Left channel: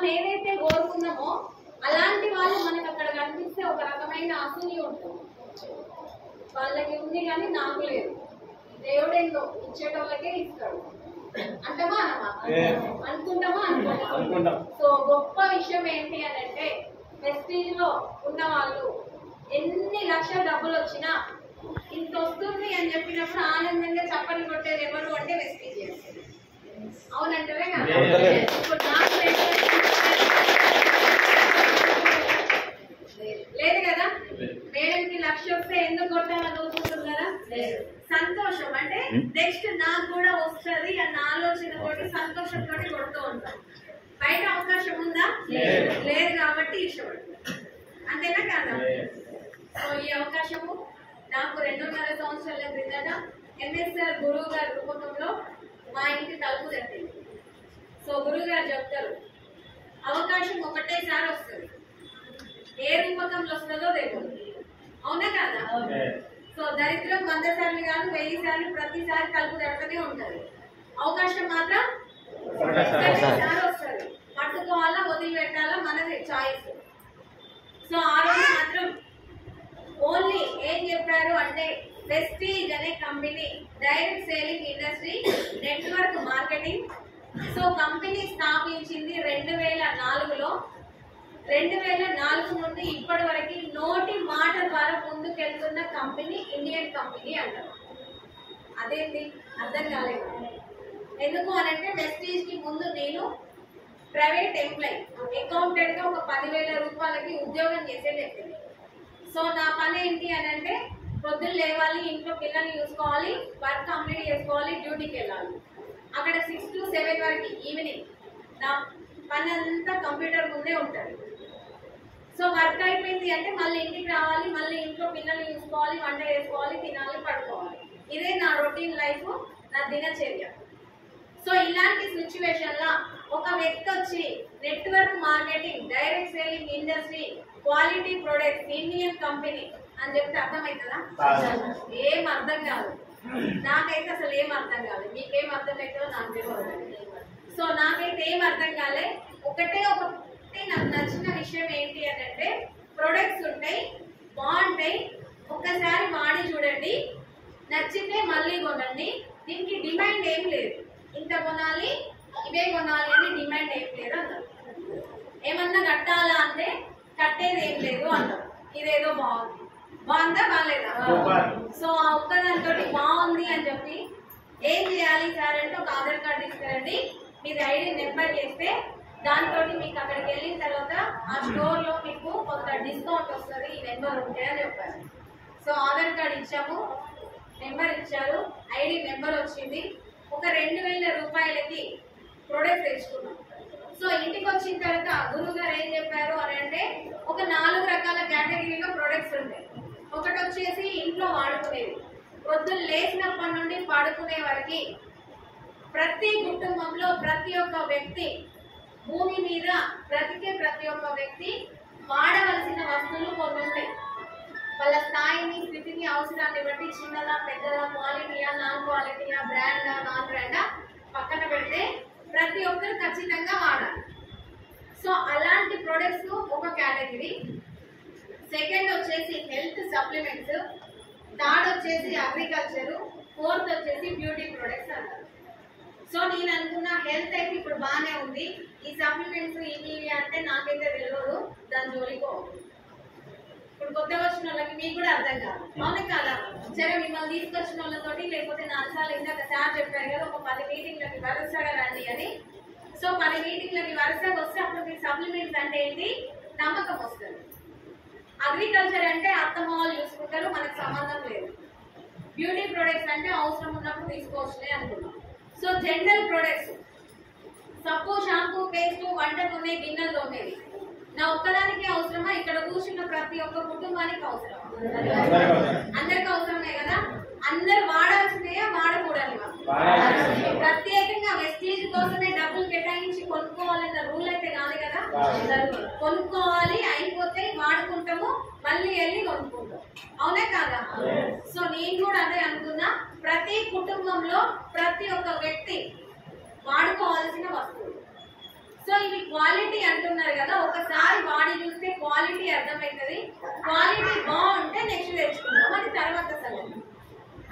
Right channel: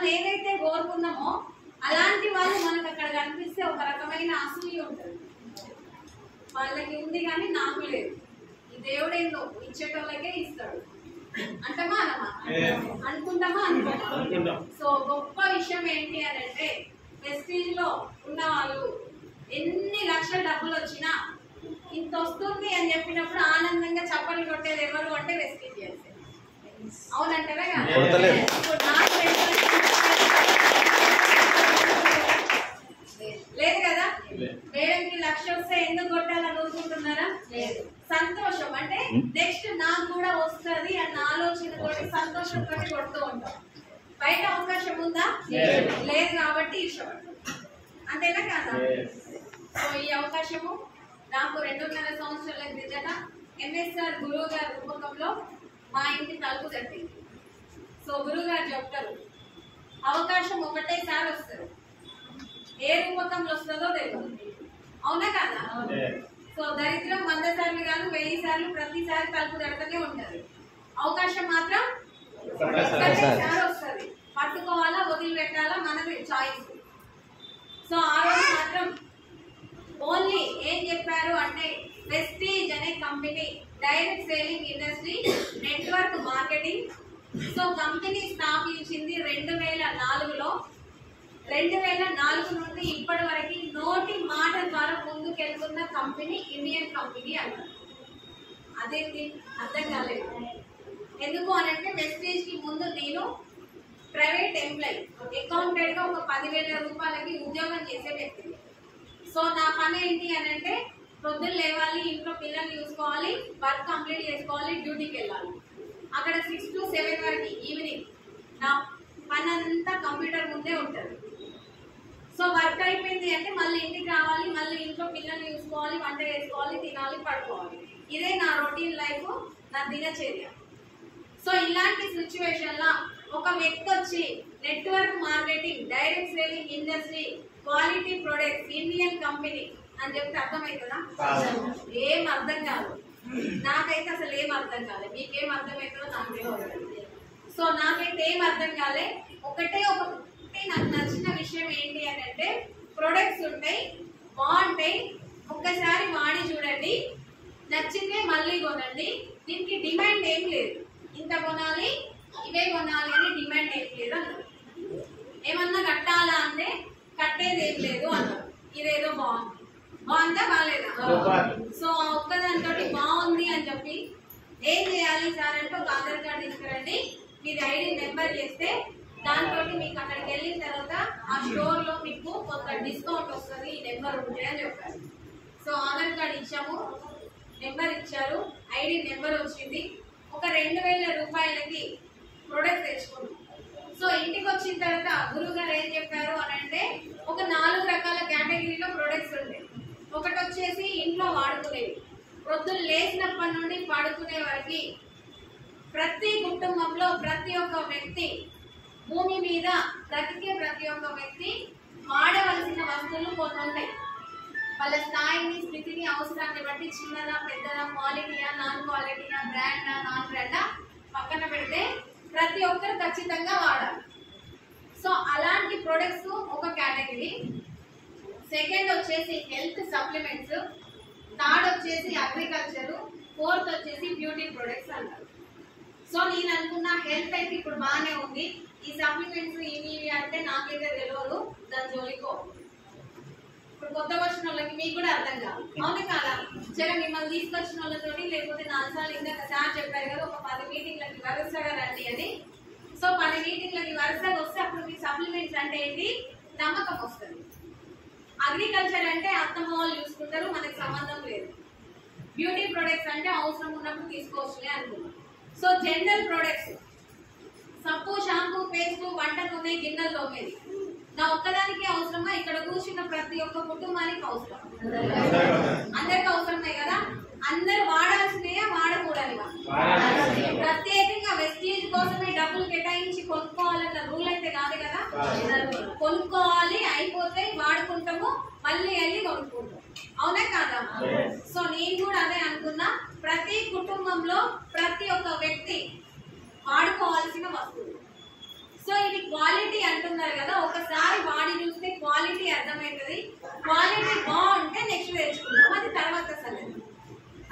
మనం ఏదైతే కోరుకున్నామో అలాంటి వాళ్ళు మనకు అక్కడ కనిపిస్తే ఒక రకమైన అసూయ ఉంటుంది. వాళ్ళకి ఉంది కానీ నాకు లేదు, ఈ దేవుడేందో ఇచ్చేటోళ్ళకే ఇస్తాడు అంటామా అనమా, అనుకుంటామా అనుకుంటాం. సో గొప్ప విషయం ఏంటి అని అంటే వెస్టీజ్ లో ఉన్న వాళ్ళు ఎన్ని లక్షల డబ్బులు వచ్చినా ఇంత వస్తుంది అని చెప్పినప్పుడు ఆనందంగా చప్పట్లు కొట్టేది ఎవరు అంటే వెస్టీజియన్స్. అవునంటారా కదా? ఇప్పుడు నాకు లేదు కదా, మేడంకి లక్ష వస్తే ఎందుకు కొట్టాలని ఊరుకుంటున్నారా? సంతోషం అంటే నెక్స్ట్ నాకు కూడా వస్తుంది అన్న ఆలోచన తోటి సంతోషంతో కొడుతూ ఉంటాం. బయట అవకాశం ఉందా? లేదు కాబట్టి ఇష్టపడతాం. అంతేనా కాదా? సో ఈ అవకాశము నాకు 2.5 సంవత్సరాల క్రిందట ఎంఎస్ఆర్ గురువు గారి రూపకంలో మా ఇంటి తలుపు తట్టింది. సో గురువు గారు చెప్తారు అవకాశం ఒకటేసారి వస్తుంది, ఏ రూపకంలో వస్తుందో తెలియదు. అవునా కాదా? సో దరిద్రం 100 సార్లు కాదు 1000 సార్లు ప్రతిసారి తలుపు తట్టనే ఉంటది. అవకాశం మాత్రం ఒకటేసారి వస్తుంది. పట్టుకోవాలా వదిలిపెట్టాలా మనది చాయిస్. సో ఆ రోజు మాత్రం ఓన్లీ ఏం చెప్పారు అంటే వెస్టీజ్ అనే company direct selling industry network marketing. So company స్థాపించింది 2004లో. 2004 నుండి ఇప్పటి వరకు నోటి మాట ద్వారా ముందుకెళ్తున్న కంపెనీ ఇండియన్ కంపెనీ అంటారు. అదేంటి అర్థం కాలేదు. ఎందుకు అనంటే వెస్టీజ్ కి ముందు నేను ప్రైవేట్ ఎంప్లాయీ అకౌంటెంట్ గా ఒక 10,000 రూపాయలకి ఉద్యోగం చేసే వ్యక్తిని. సో నా పని ఏంటి అని అంటే పొద్దున్న లేవాలి, ఇంట్లో పిల్లల్ని చూసుకోవాలి, వర్క్ కంప్లీట్ చేసుకోవాలి, డ్యూటీకి వెళ్ళాలి. అక్కడ 6 to 7 వరకు ఈవినింగ్ నా పని అంతా కంప్యూటర్ ముందే ఉంటుంది. సో వర్క్ అయిపోయింది అంటే మళ్ళీ ఇంటికి రావాలి, మళ్ళీ ఇంట్లో పిల్లల్ని చూసుకోవాలి, వంట చేసుకోవాలి, తినాలి, పడుకోవాలి. ఇదే నా రొటీన్ లైఫ్, నా దినచర్య. సో ఇలాంటి సిచ్యువేషన్ లో ఒక వ్యక్తి వచ్చి network marketing direct selling industry quality products Indian company అని చెప్తే అర్థమవుతుందా? ఏం అర్థం కాదు. నాకైతే అసలు ఏం అర్థం కాలేదు. మీకేం అర్థమవుతుందో నాకు తెలియదు. సో నాకైతే ఏం అర్థం కాలే. ఒకటే నాకు నచ్చిన విషయం ఏంటి అని అంటే ప్రొడక్ట్స్ ఉంటాయి, బాగుంటాయి, ఒక్కసారి వాడి చూడండి, నచ్చితే మళ్ళీ కొనండి. దీనికి డిమాండ్ ఏం లేదు, ఇంత కొనాలి ఇవే కొనాలి అని డిమాండ్ ఏం లేదు అన్నారు. ఏమన్నా కట్టాలా అంటే కట్టేది ఏం లేదు అన్నారు. ఇదేదో బాగుంది, బాగుందా బాగాలేదా? సో ఆ ఒక్కదానితో బాగుంది అని చెప్పి ఏం చేయాలి సార్ అంటే ఒక ఆధార్ కార్డు తీసుకురండి, మీది ఐడి నెంబర్ చేస్తే దాంతో మీకు అక్కడికి వెళ్ళిన తర్వాత ఆ స్టోర్ లో మీకు కొంత డిస్కౌంట్ వస్తుంది, ఈ నెంబర్ ఉంటే అని చెప్పారు. సో ఆధార్ కార్డు ఇచ్చాము, నెంబర్ ఇచ్చారు, ఐడి నెంబర్ వచ్చింది. ఒక 2,000 రూపాయలకి ప్రొడక్ట్ తెచ్చుకున్నాం. సో ఇంటికి వచ్చిన తర్వాత గురువు గారు ఏం చెప్పారు అని అంటే ఒక 4 రకాల కేటగిరీలో ప్రొడక్ట్స్ ఉంటాయి. ఒకటి వచ్చేసి ఇంట్లో వాడుకునేవి, ప్రొద్దున లేచినప్పటి నుండి పడుకునే వరకు ప్రతి కుటుంబంలో ప్రతి ఒక్క వ్యక్తి, భూమి మీద బ్రతికే ప్రతి ఒక్క వ్యక్తి వాడవలసిన వస్తువులు కొన్ని ఉంటాయి. వాళ్ళ స్థాయిని, స్థితిని, అవసరాన్ని బట్టి చిన్నదా పెద్దదా, క్వాలిటీయా నాన్ క్వాలిటీయా, బ్రాండా నాన్ బ్రాండా పక్కన పెడితే ప్రతి ఒక్కరు ఖచ్చితంగా వాడాలి. సో అలాంటి ప్రొడక్ట్స్ ఒక కేటగిరీ. సెకండ్ వచ్చేసి హెల్త్ సప్లిమెంట్స్, థర్డ్ వచ్చేసి అగ్రికల్చర్, ఫోర్త్ వచ్చేసి బ్యూటీ ప్రొడక్ట్స్ అంటారు. సో నేను అనుకున్న హెల్త్ అయితే ఇప్పుడు బాగానే ఉంది, ఈ సప్లిమెంట్స్ ఇవి అంటే నాకైతే తెలియదు, దాని జోలికో. ఇప్పుడు కొత్తగా వచ్చిన వాళ్ళకి మీకు కూడా అర్థం కాదు, అవును కాదా? సరే మిమ్మల్ని తీసుకొచ్చిన వాళ్ళతోటి లేకపోతే 4 సార్లు ఇందాక సార్ చెప్పారు కదా ఒక 10 మీటింగ్లకి వరుసగా రండి అని. సో 10 మీటింగ్లకి వరుసగా వస్తే అప్పుడు మీకు సప్లిమెంట్స్ అంటే ఏంటి నమ్మకం వస్తుంది. అగ్రికల్చర్ అంటే అత్తమ్మ వాళ్ళు చూసుకుంటారు, మనకు సంబంధం లేదు. బ్యూటీ ప్రొడక్ట్స్ అంటే అవసరం ఉన్నప్పుడు తీసుకోవచ్చులే అనుకున్నాం. సో జనరల్ ప్రొడక్ట్స్, సబ్బు, షాంపూ, పేస్ట్, వంట నూనె, గిన్నెలు తోమేది నా ఒక్కదానికి అవసరమా? ఇక్కడ కూర్చున్న ప్రతి ఒక్క కుటుంబానికి అవసరం, అందరికి అవసరమే కదా. అందరు వాడాల్సినయా వాడకూడనివా? ప్రత్యేకంగా వెస్టీజ్ కోసమే డబ్బులు కేటాయించి కొనుక్కోవాలన్న రూల్ అయితే కాదు కదా. కొనుక్కోవాలి, అయిపోతే వాడుకుంటాము, మళ్ళీ వెళ్ళి కొనుక్కుంటాం, అవునే కాదా? సో నేను కూడా అదే అనుకున్నా, ప్రతి కుటుంబంలో ప్రతి ఒక్క వ్యక్తి వాడుకోవాల్సిన వస్తువులు. సో సో ఇవి క్వాలిటీ అంటున్నారు కదా, ఒకసారి వాడి చూస్తే క్వాలిటీ అర్థమవుతుంది. క్వాలిటీ బాగుంటే నెక్స్ట్ తెచ్చుకుంటాం, అది తర్వాత సంగతి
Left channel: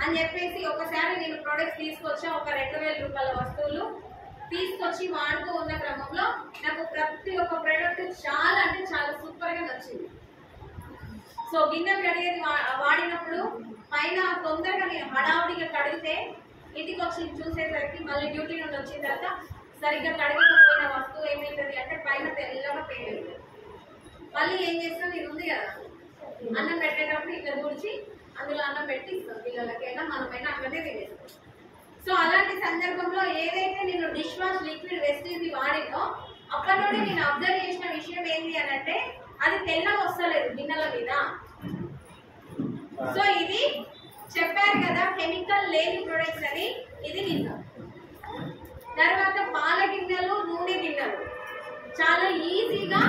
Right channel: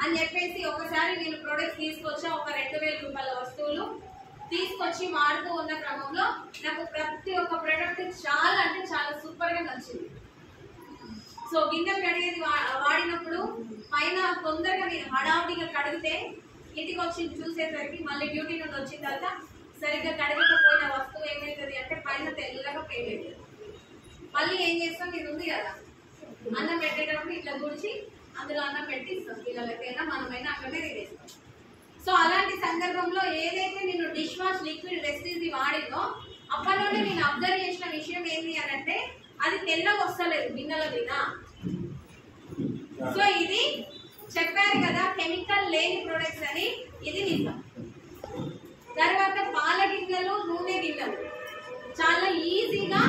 అని చెప్పేసి ఒకసారి నేను ప్రొడక్ట్స్ తీసుకొచ్చా. ఒక 2000 రూపాయల వస్తువులు తీసుకొచ్చి వాడుతూ ఉన్న క్రమంలో నాకు ప్రతి ఒక్క ప్రొడక్ట్ చాలా అంటే చాలా సూపర్ గా నచ్చింది. సో గిన్నె కడిగేది వాడినప్పుడు పైన తొందరగా నేను హడావుడిగా కడిగితే ఇంటికి వచ్చి చూసేసరికి మళ్ళీ డ్యూటీ నుండి వచ్చిన తర్వాత సరిగ్గా కడగకపోయిన వస్తువు ఏమైతుంది అంటే పైన తెల్లగా పేలేదు. మళ్ళీ ఏం చేస్తాం, ఇది ఉంది కదా అన్నం పెట్టేటప్పుడు ఇట్లా తుడిచి అందులో అన్నం పెట్టి ఇస్తాం పిల్లలకైనా మనమైనా అక్కడే తినేస్తాం. సో అలాంటి సందర్భంలో ఏదైతే నేను డిష్ వాష్ లిక్విడ్ వెస్టీజ్ వాడిందో అప్పటి నుండి నేను అబ్జర్వ్ చేసిన విషయం ఏంటి అని అంటే అది తెల్లగా వస్తలేదు గిన్నెల మీద. సో ఇది చెప్పారు కదా కెమికల్ లేని ప్రొడక్ట్స్ అని, ఇది నిజం. తర్వాత పాల గిన్నెలు, నూనె గిన్నెలు చాలా ఈజీగా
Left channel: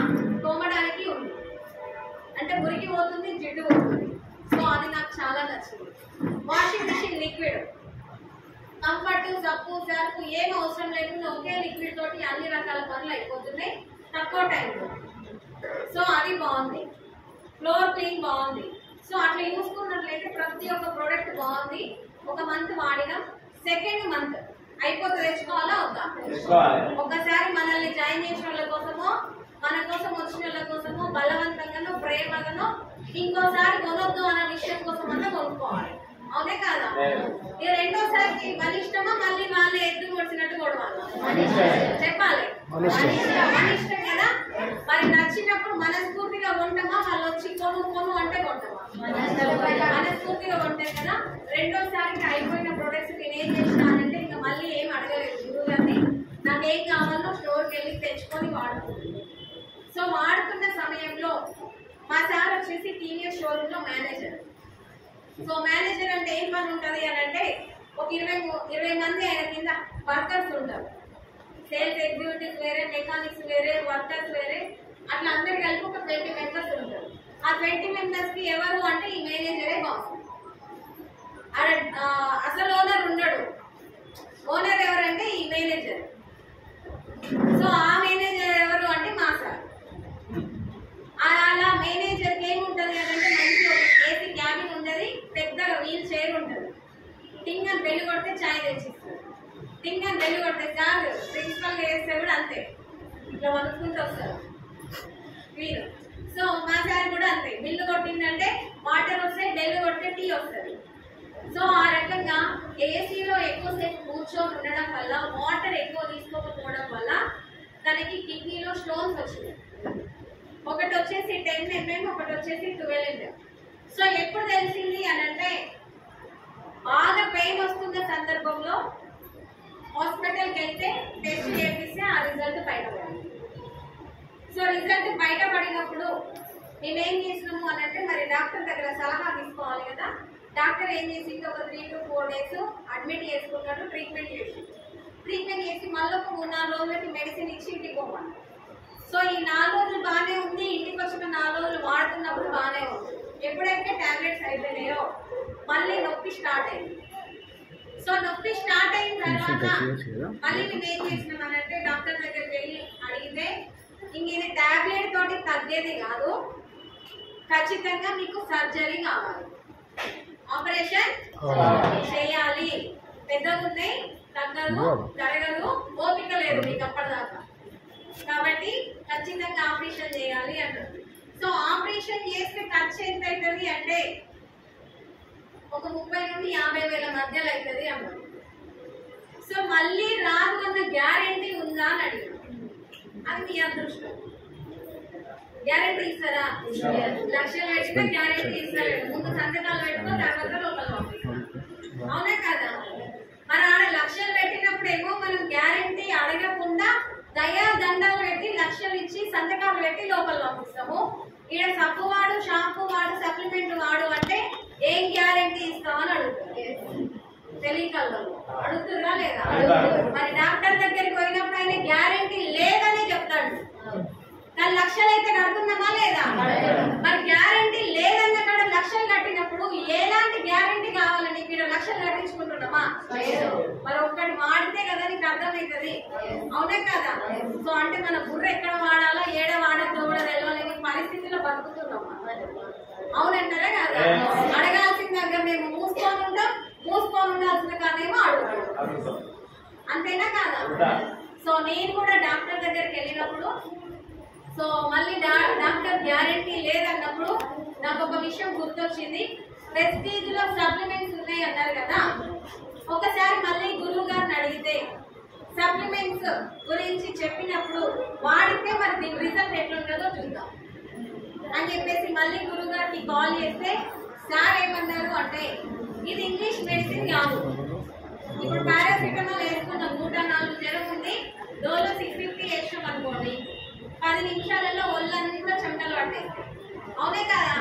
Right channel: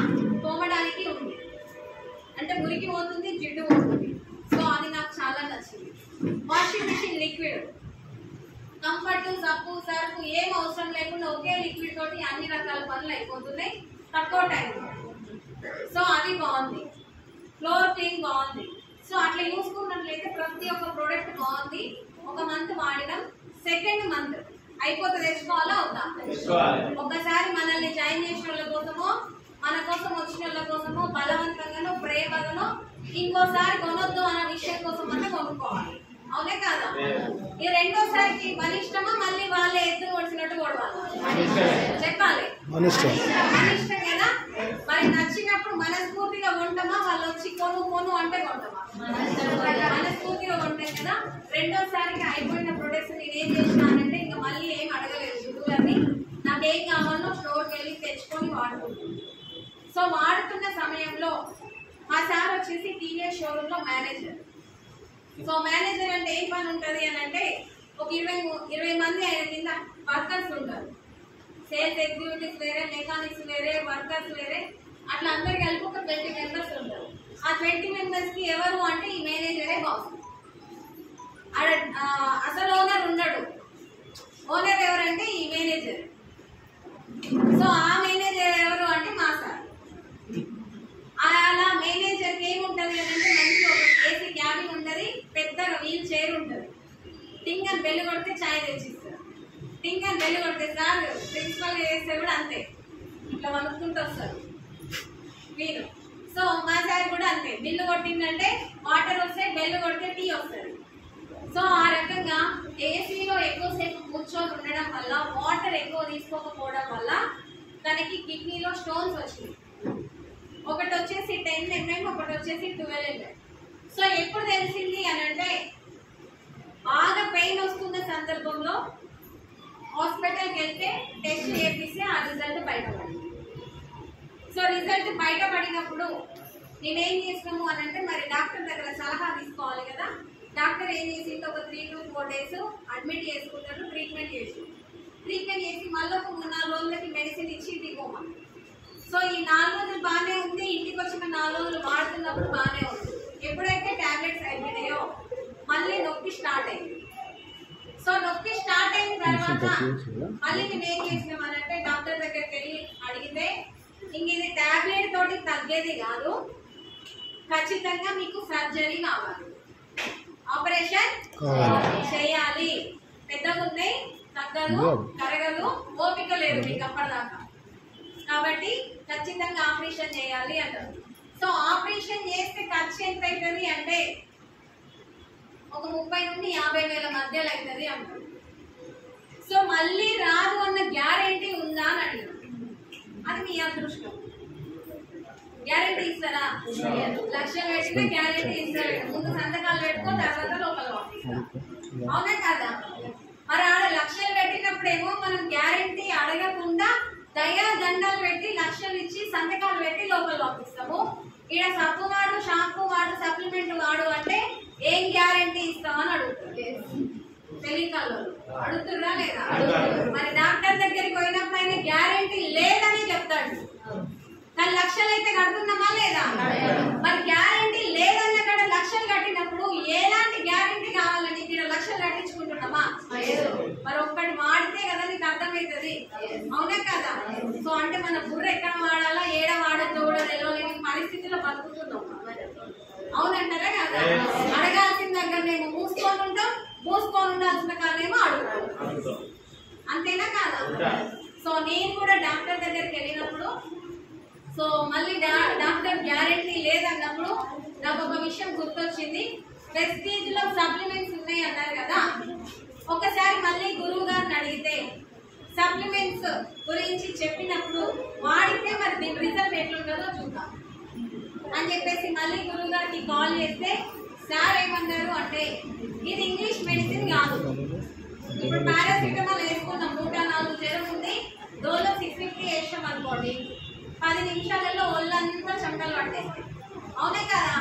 తోమడానికి ఉంది, అంటే మురికి పోతుంది, జిడ్డు పోతుంది. సో అది నాకు చాలా నచ్చింది. వాషింగ్ మిషన్ లిక్విడ్ కంఫర్ట్, సబ్బు, సర్ఫ్ ఏం అవసరం లేకుండా ఒకే లిక్విడ్ తోటి అన్ని రకాల పనులు అయిపోతున్నాయి తక్కువ టైంలో. సో అది బాగుంది. ఫ్లోర్ క్లీన్ బాగుంది. సో అట్లా చూసుకున్నట్లయితే ప్రతి ఒక్క ప్రోడక్ట్ బాగుంది. ఒక మంత్ వాడినాం, సెకండ్ మంత్ అయిపోతే తెచ్చుకోవాలా వద్దా? ఒక్కసారి మనల్ని జాయిన్ చేసిన వాళ్ళ కోసమో మన కోసం వచ్చిన వాళ్ళ కోసమో బలవంతంగానో ప్రేమగానో ఇంకోసారి కొనొద్దు అన్న విషయం కోసం అంతా కొనుక్కోవాలి, అవునే కాదా? ఈ రెండోసారికి మన ఇష్టమా మళ్ళీ వాళ్ళే ఎద్దు కొడిచినట్టు కొడవాలి చెప్పాలి, మన ఇష్టం కదా. మరి నచ్చినప్పుడు మనస్ఫూర్తిగా కొంటామా, వాళ్ళు వచ్చి కొను కొను అంటే కొంటామా? మనస్ఫూర్తిగా కొంటాం కదా. రెండోసారికి అయిపోయిన ప్రొడక్ట్స్ నేను ఏం చేసినానంటే ఇంకా మళ్ళీ ఏం అడగలేదు గురువు గారిని, నాకేం కావాలో స్టోర్కి వెళ్ళి తెచ్చుకొని వాడుకుంటుంది. సో వాడుతున్న సమయంలో మా సార్ వచ్చేసి టీవీఎస్ షోరూమ్ లో మేనేజర్. సో మేనేజర్ అంటే ఏం పని ఉంటుంది అని అంటే ఒక 20 మంది ఆయన కింద వర్కర్స్ ఉంటారు. సేల్స్ ఎగ్జిక్యూటివ్స్ వేరే, మెకానిక్స్ వేరే, వర్కర్స్ వేరే, అట్లా అందరు కలిపి ఒక 20 మెంబర్స్ ఉంటారు. ఆ 20 మెంబర్స్ కి ఎవరు అంటే ఈ మేనేజరే బాస్. అసలు ఓనర్ ఉన్నాడు, ఓనర్ ఎవరంటే ఈ మేనేజర్. సో ఆ మేనేజర్ ఎవరు అంటే మా సార్. అలా మేనేజర్కి ఏముంటుంది అంటే మంచి ఏసీ క్యాబిన్ ఉంటుంది, పెద్దగా వీల్ చైర్ ఉంటుంది. టింగ్ అని బెల్లు కొడితే ఛాయ్ తెచ్చిస్తారు. టింగ్ అని బెల్లు కొడితే సార్ ప్రిన్సిపల్ చేస్తే కూడా అంతే, ఇట్లా వణుకుంటూ వస్తారు వీరు. సో మా సార్ కూడా అంతే, బిల్లు కొట్టిందంటే వాటర్ వస్తాయి, బెల్లు కొడితే టీ వస్తుంది. సో ఆ రకంగా ఏసీలో ఎక్కువసేపు కూర్చొని ఉండడం వల్ల, వాటర్ ఎక్కువ తీసుకోకపోవడం వల్ల తనకి కిడ్నీలో స్టోన్స్ వచ్చినాయి. ఒకటి వచ్చేసి 10 mm, ఒకటి వచ్చేసి 12 mm. సో ఎప్పుడు తెలిసింది అని అంటే బాగా పెయిన్ వస్తున్న సందర్భంలో హాస్పిటల్కి వెళ్తే టెస్ట్ చేపిస్తే ఆ రిజల్ట్ బయటపడింది. సో రిజల్ట్ బయటపడినప్పుడు మేమేం చేసినాము అని అంటే మరి డాక్టర్ దగ్గర సలహా తీసుకోవాలి కదా. డాక్టర్ ఏం చేసింది, ఒక 3 to 4 days అడ్మిట్ చేసుకున్నట్టు ట్రీట్మెంట్ చేసి మళ్ళీ ఒక 3-4 రోజులకి మెడిసిన్ ఇచ్చి ఇంటికి పోవాలి. సో ఈ 4 రోజులు బాగానే ఉంది, ఇంటికి వచ్చిన 4 రోజులు వాడుతున్నప్పుడు బాగానే ఉంది. ఎప్పుడైతే టాబ్లెట్స్ అయిపోయినాయో మళ్ళీ నొప్పి స్టార్ట్ అయింది. సో నొప్పి స్టార్ట్ అయిన తర్వాత మళ్ళీ మేము ఏం చేసినాం అని అంటే డాక్టర్ దగ్గరికి వెళ్ళి అడిగితే ఇంక ఇది టాబ్లెట్ తోటి తగ్గేది కాదు, ఖచ్చితంగా మీకు సర్జరీ కావాలి, ఆపరేషన్ చేయాలి, పెద్దగా ఉన్నాయి, తగ్గదు, కరగదు, ఓపిక లేదు మీకు అప్పటిదాకా, కాబట్టి ఖచ్చితంగా ఆపరేషన్ చేయాలి అన్నారు. సో ఆపరేషన్ చేస్తే ఖర్చు ఎంత అవుతుంది అంటే ఒక 30 నుండి 50 వేల మధ్యలో అవుతుంది అన్నారు. సో మళ్ళీ రాదు అన్న గ్యారెంటీ ఉందా అని అడిగారు. అది మీ అదృష్టం. గ్యారెంటీ ఇస్తారా? లక్షలు పెట్టినా గ్యారెంటీ ఇస్తారు. ముందు సంతకాలు పెట్టుకో, తర్వాత లోపల పంపిస్తారు, అవునా కాదా? మరి ఆడ లక్షలు పెట్టినప్పుడు ఏమో మనం గ్యారెంటీ అడగకుండా దయా దండాలు పెట్టి లక్షలు ఇచ్చి సంతకాలు పెట్టి లోపల పంపిస్తాము. ఈడ సబ్బు వాడు, షాంపూ వాడు, సప్లిమెంట్ వాడు అంటే ఏం గ్యారెంటీ ఇస్తామని అడుగుతారు. తెలియకల్లో అడుగుతుర్రా లేదా? మరి డాక్టర్ దగ్గరికి పోయినప్పుడు ఆయన గ్యారెంటీ లేదని చెప్తాడు, కానీ లక్షలు అయితే కడుతున్నామా లేదా? మరి గ్యారెంటీ లేదన్న కాడ లక్షలు కట్టినప్పుడు ఎలాంటి గ్యారెంటీ కావాలని ఇక్కడ లక్షలు కట్టించుకుంటున్నామా? మరి ఒక్కటి వాడితే కదా నీకు అర్థమైతే అవుతుంది, అవునే కదా? సో అంటే మన బుర్ర ఎక్కడ వాడాలా ఏడ వాడద్దో కూడా తెలియలేని పరిస్థితిలో బతుకుతున్నాం, అవునంటారా కదా? అడగాల్సిన దగ్గర మేము మూసుకొని ఉంటాం, మూసుకొని ఉండాల్సిన కారణమేమో అడుగుతాం, అంతేనా కాదా? సో నేను కూడా డాక్టర్ దగ్గరికి వెళ్ళినప్పుడు సో మళ్ళీ డాక్టర్ గ్యారెంటీ లేదన్నప్పుడు నాకు ఒక విషయం గుర్తొచ్చింది. ప్రెస్టీజ్ లో సప్లిమెంట్స్ ఉన్నాయి అన్నారు కదా, ఒకసారి మళ్ళీ గురువు గారిని అడిగితే సప్లిమెంట్స్ గురించి చెప్పినప్పుడు వాడితే మరి దీని రిజల్ట్ ఎట్లుంటుందో చూద్దాం అని చెప్పేసి మళ్ళీ గురువు గారికి కాల్ చేస్తే సార్ ఏమన్నారు అంటే ఇది ఇంగ్లీష్ మెడిసిన్ కాదు. ఇప్పుడు పారాసిటమాల్ వేసుకున్నాం, 104 జ్వరం ఉంది, డోలో 650 వేసాం అనుకోండి, 10 నిమిషాలలో ఒళ్ళంతా చెమటలు పట్టేస్తాయి, అవునే కదా?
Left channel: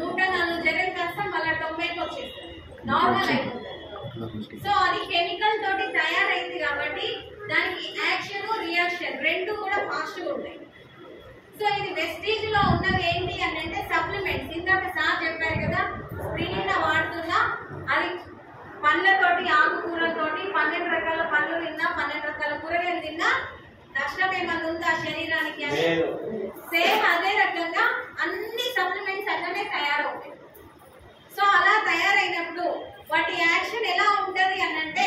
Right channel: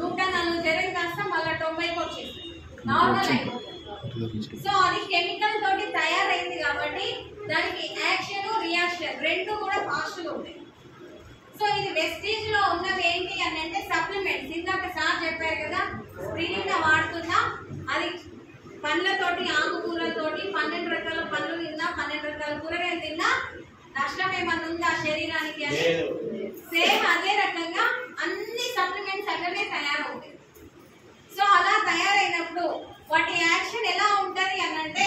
104 జ్వరం కాస్త మళ్ళీ 90కి వచ్చేస్తుంది, నార్మల్ అయిపోతుంది. సో అది కెమికల్ తోటి తయారైంది కాబట్టి దానికి యాక్షన్ రియాక్షన్ రెండు కూడా ఫాస్ట్ గా ఉంటాయి. సో ఇది వెస్టీజ్ లో ఉన్నది ఏంటి అని అంటే సప్లిమెంట్స్. ఇందాక సార్ చెప్పారు కదా, స్ప్రినినా వాడుతున్నా, అది పండ్లతోటి ఆకుకూరలతోటి 12 రకాల పండ్లు తిన్నా, 12 రకాల కూరగాయలు తిన్నా నష్టం ఏమన్నా ఉందా శరీరానికి అని? సేమ్ అదే రకంగా అన్ని సప్లిమెంట్స్ అట్లనే తయారవుతాయి. సో అలా తయారైనప్పుడు వాటి యాక్షన్ ఎలా ఉంటది అని అంటే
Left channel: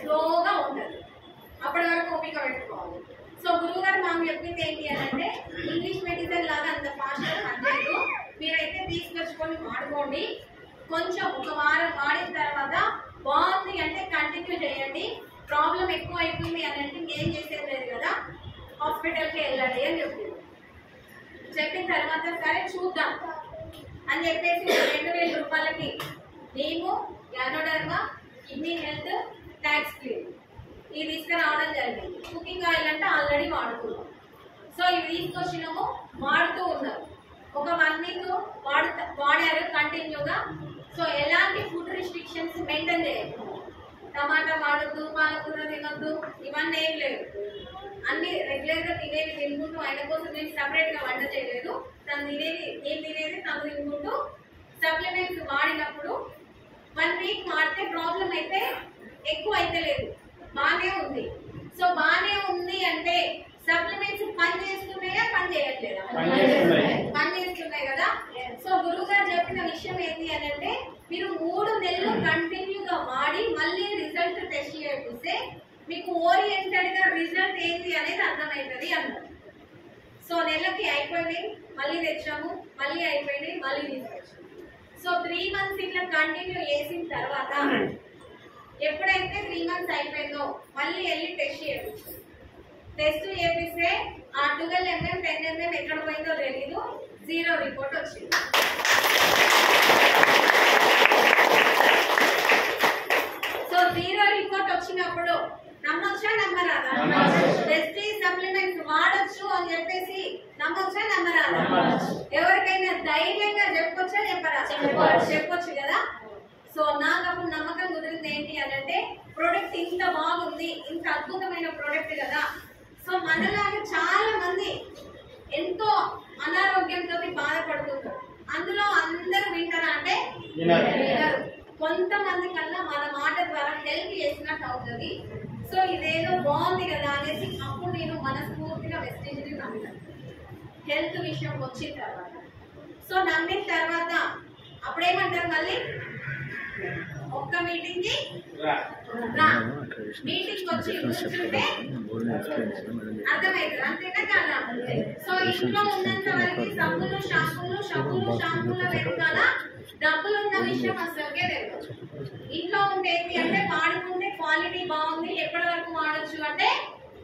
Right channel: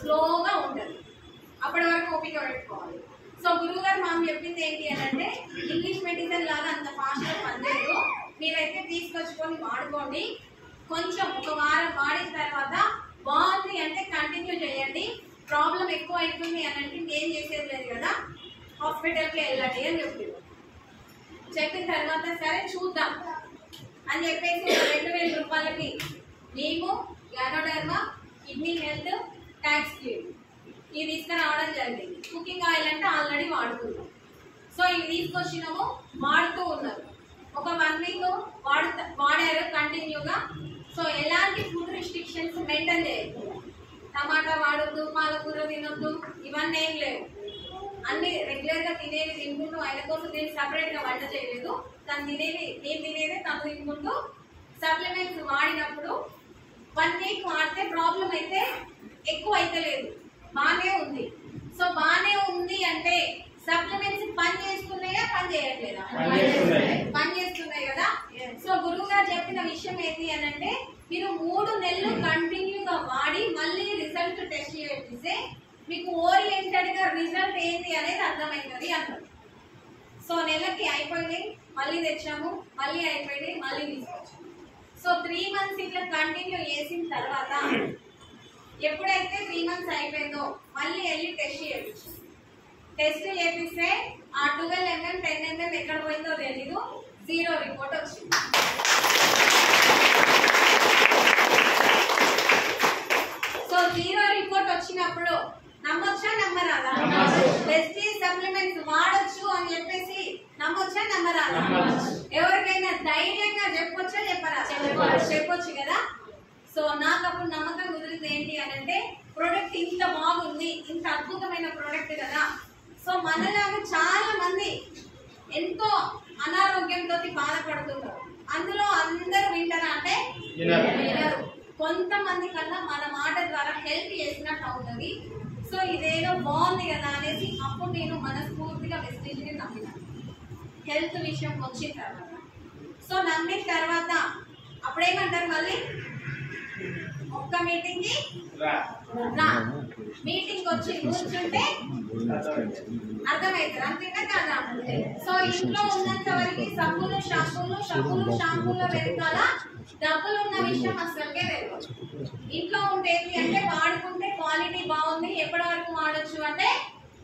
స్లోగా ఉంటది, అప్పటి వరకు ఓపిక పెట్టుకోవాలి. సో గురువు గారు మాకు చెప్పింది ఏంటి అని అంటే ఇంగ్లీష్ మెడిసిన్ లాగా అంత ఫాస్ట్ గా పనిచేయదు, మీరైతే తీసుకొచ్చుకొని వాడుకోండి, కొంచెం ఒక వారం వాడిన తర్వాత బాగుంది అంటే కంటిన్యూ చేయండి, ప్రాబ్లం ఎక్కువ అవుతుంది అని అంటే ఏం చేసేది లేదు కదా, హాస్పిటల్కి వెళ్ళండి అని చెప్పింది. చెప్పిన తర్వాత సరే చూద్దాం అని చెప్పేసి 2000 రూపాయలకి మేము యానోడర్మా, కిడ్నీ హెల్త్, ట్యాక్స్ క్లీన్ ఇవి తీసుకురావడం జరిగింది. కుకింగ్ ఆయిల్ అంటే ఆల్రెడీ వాడుతున్నాం. సో ఇవి తీసుకొచ్చినాము, వాడుతూ ఉన్నారు, ఒక 1 వీక్ వాడారు కంటిన్యూగా. సో ఎలాంటి ఫుడ్ రిస్ట్రిక్షన్స్ మెయింటైన్ చేయొద్దు, టమాటా వాడద్దు, పాలకూర తినొద్దు, ఇవన్నీ ఏం లేవు, అన్ని రెగ్యులర్ గా తినేవి తినుకుంటూ, ఆయన కోసం నేను సపరేట్ గా వంట చేయలేదు, తను తినేది నేను తినేది తను తినుకుంటూ సప్లిమెంట్స్ వాడినప్పుడు 1 వీక్ వాడితే ప్రాబ్లం అయితే ఎక్కువ అయితే లేదు, బానే ఉంది. సో బానే ఉంది అంటే సప్లిమెంట్స్ పని చేస్తున్నాయా పని చేయట్లేదా? పని చేస్తున్నాయి కదా. సో గురువు గారు చెప్పిన విషయం ఏంటి అని అంటే మీరు 3 నెలలు కంటిన్యూగా వాడి మళ్ళీ రిజల్ట్ టెస్ట్ చేపిస్తే మీకు ఓరియంటెడ్ గా రిజల్ట్ ఏంటి అనేది అర్థమవుతుంది అన్నారు. సో నెలకి అయిపోయినాయి, మళ్ళీ తెచ్చాము, మళ్ళీ అయిపోయినాయి, మళ్ళీ తీసుకొచ్చాము. సో 3 మంత్స్ ఇట్లా కంటిన్యూ చేసిన తర్వాత ఎప్పుడైతే 3 మంత్స్ అయిపోయిందో మళ్ళీ వెళ్ళి టెస్ట్ చేయించాం. టెస్ట్ చేపిస్తే ఆ 12 mm 10 mm ఎక్కడ పోయిందో తెలీదు, 0 రిపోర్ట్ వచ్చింది. సో 0 రిపోర్ట్ వచ్చినప్పుడు నమ్మొచ్చా నమ్మరాదా? బెస్ట్ సప్లిమెంట్స్ వాడొచ్చు అని చెప్పేసి నమ్మొచ్చా నమ్మరాదా? ఎవరికైనా ధైర్యంగా చెప్పొచ్చా చెప్పరా? చెప్పొచ్చు కదా. సో నాకు అప్పుడు నమ్మకం కుదిరింది ఏంటి అని అంటే ప్రోడక్ట్ ఇంత బాగుంది, ఇంత అద్భుతమైన ప్రోడక్ట్ కదా. సో మనలాగా చాలా మంది ఎంతో అనారోగ్యంతో బాధపడుతున్నారు, అందులో అందరూ వింటారా అంటే వినరు. కొంతమంది కన్నా మన మాట ద్వారా హెల్ప్ చేసినట్టు అవుతుంది. సో ఇదేదో బాగుంది కదా అనేసి అప్పుడు నేను మనస్ఫూర్తిగా వెస్టీజ్ని నమ్మినాను హెల్త్ విషయం వచ్చిన తర్వాత. సో నమ్మిన తర్వాత అప్పుడేమంటారు మళ్ళీ ఒక్క మీటింగ్ కి మీటింగ్ వచ్చి కూర్చుంటే అర్థమవుతుంది, అంతేనా కదా. సో ఇంట్లో ఉన్నంత వరకు సబ్బులు షాంపూల వెనకాల డబ్బులు ఉన్న విషయం అసలుకే తెలియదు. ఇంట్లో ఉంటే ఏంటి అంటే వాడుకుంటే క్వాలిటీ బాగుంది, ఎప్పటి వరకు వాడొచ్చు అంటే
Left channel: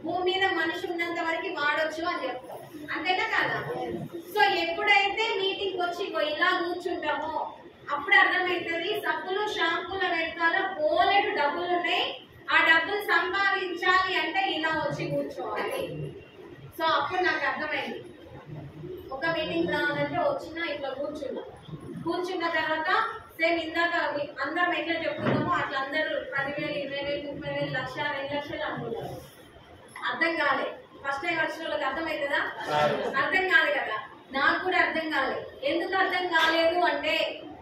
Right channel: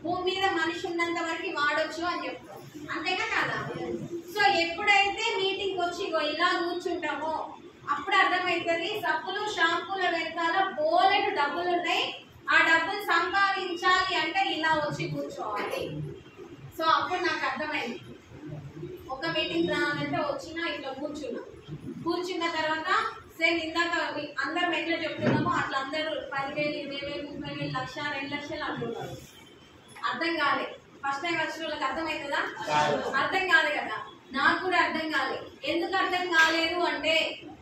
భూమి మీద మనిషి ఉన్నంత వరకు వాడొచ్చు అని చెప్తాం, అంతేనా కదా. సో ఎప్పుడైతే మీటింగ్ వచ్చి ఇలా కూర్చుంటామో అప్పుడు అర్థమవుతుంది సబ్బులు షాంపూల వెనకాల బోలెడు డబ్బులు ఉన్నాయి, ఆ డబ్బులు సంపాదించాలి అంటే ఇలా వచ్చి కూర్చోవాలి. సో అప్పుడు నాకు అర్థమైంది ఒక మీటింగ్ రావాలంటే వచ్చినా ఇట్లా కూర్చున్న తర్వాత సేమ్ ఇందాక అందరం ఎట్లా చెప్తున్నామో అట్లా అందరూ 10,000 20,000 30,000 లక్ష 2 లక్షలు అంటున్నారు. అర్థం కాలే, ఫస్ట్ టైం వచ్చిన వాళ్ళకి అర్థమవుతుందా? అర్థం కాదు కదా. నాకు కూడా అర్థం కాలే. ఎందుకు అర్థం కాలేదు అంటే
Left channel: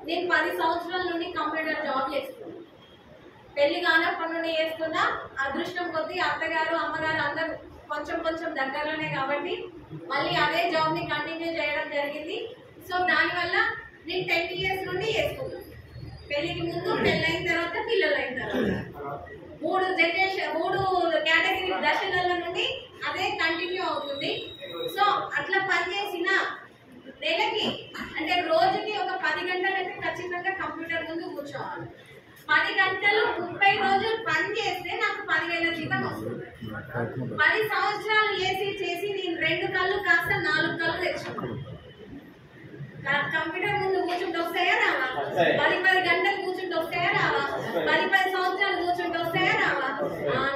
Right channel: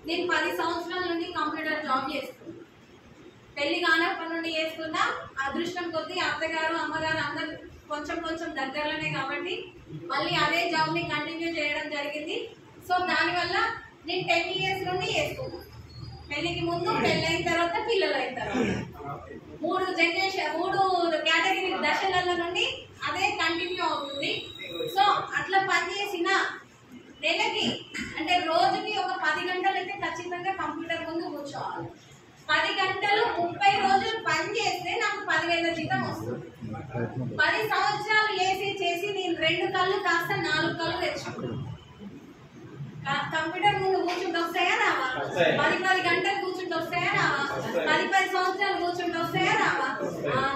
నేను 10 సంవత్సరాల నుండి కంప్యూటర్ జాబ్ చేస్తున్నాను. పెళ్లి కానప్పటి నుండి చేసుకున్న అదృష్టం కొద్దీ అత్తగారు అమ్మగారు అందరూ కొంచెం కొంచెం దగ్గరలోనే కాబట్టి మళ్ళీ అదే జాబ్ ని కంటిన్యూ చేయడం జరిగింది. సో దానివల్ల నేను 10 years నుండి చేసుకున్నాను. పెళ్లికి ముందు, పెళ్ళైన తర్వాత, పిల్లలు అయిన తర్వాత 3 కేటగిరీ దశల నుండి అదే కంటిన్యూ అవుతుంది. సో అట్లా పనిచేసిన నెలకి అంటే రోజుకి ఒక 10 గంటలు అయితే ఖచ్చితంగా కంప్యూటర్ ముందు కూర్చోవాలి. 10 గంటలు 30 రోజులు పని చేస్తే నాకు 10,000 జీతం వస్తుంది. 10 సంవత్సరాలు చేసి నేను 2 కళ్ళు కాస్త 4 కళ్ళు తెచ్చుకున్నాను. కంప్యూటర్ ముందు కూర్చుంటే వస్తాయా రావా? 10 గంటలు కూర్చుంటే వస్తాయా రావా? 10 సంవత్సరాలు కూర్చుంటే వస్తాయా రావా?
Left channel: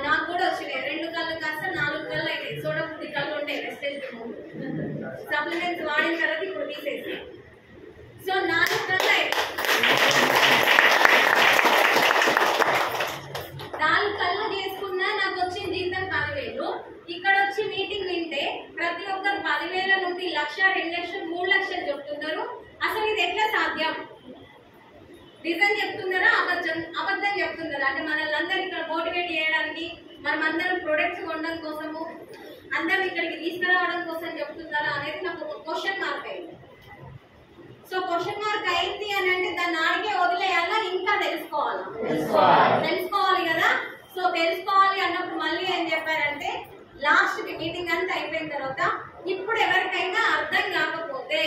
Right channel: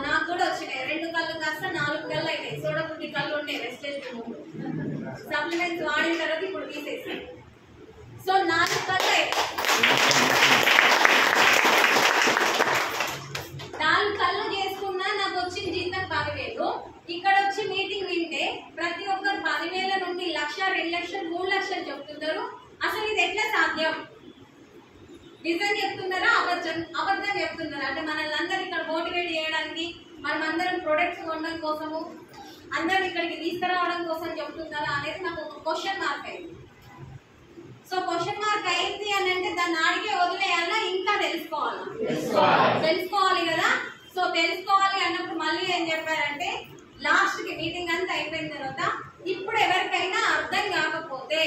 నాకు కూడా వచ్చినాయి. 2 కళ్ళు కాస్త 4 కళ్ళు అయినాయి. సోడబుద్ధి కళ్ళు ఉండే వెస్టేజ్ ముందు సప్లిమెంట్స్ వాడిన తర్వాత ఇప్పుడు తీసేసి సో 4 కళ్ళు అయినాయి. 4 కళ్ళు చేసుకున్నా నాకు వచ్చిన జీతం 10,000. ఇక్కడ వచ్చి మీటింగ్ వింటే ప్రతి ఒక్కరు 10,000 నుండి 1,00,000, 2 లక్షలు, 3 లక్షలు చెప్తున్నారు. అసలు ఇది ఎట్లా సాధ్యం? నిజం చెప్తున్నారా అబద్ధం చెప్తున్నారా? అంటే మనల్ని అందరూ ఇక్కడ మోటివేట్ చేయడానికి, మనం అందరం ప్రొడక్ట్స్ కొనడం కోసము, అందరం ఇక్కడికి తీసుకురావడం కోసం చెప్తున్నారా అనేది నాకు ఒక క్వశ్చన్ మార్క్ అయింది. సో క్వశ్చన్ మార్క్ అయింది అని అంటే దాన్ని ఆడికే వదిలేయాలా, ఇంకా తెలుసుకోవాలి కదా. సో తెలుసుకోవాలి అన్నప్పుడు మళ్ళీ ఏం చెప్పారంటే లాస్ట్ కి మీటింగ్ అంతా అయిపోయిన తర్వాత ఇప్పుడు ఎవరికైనా అర్థం కాకపోతే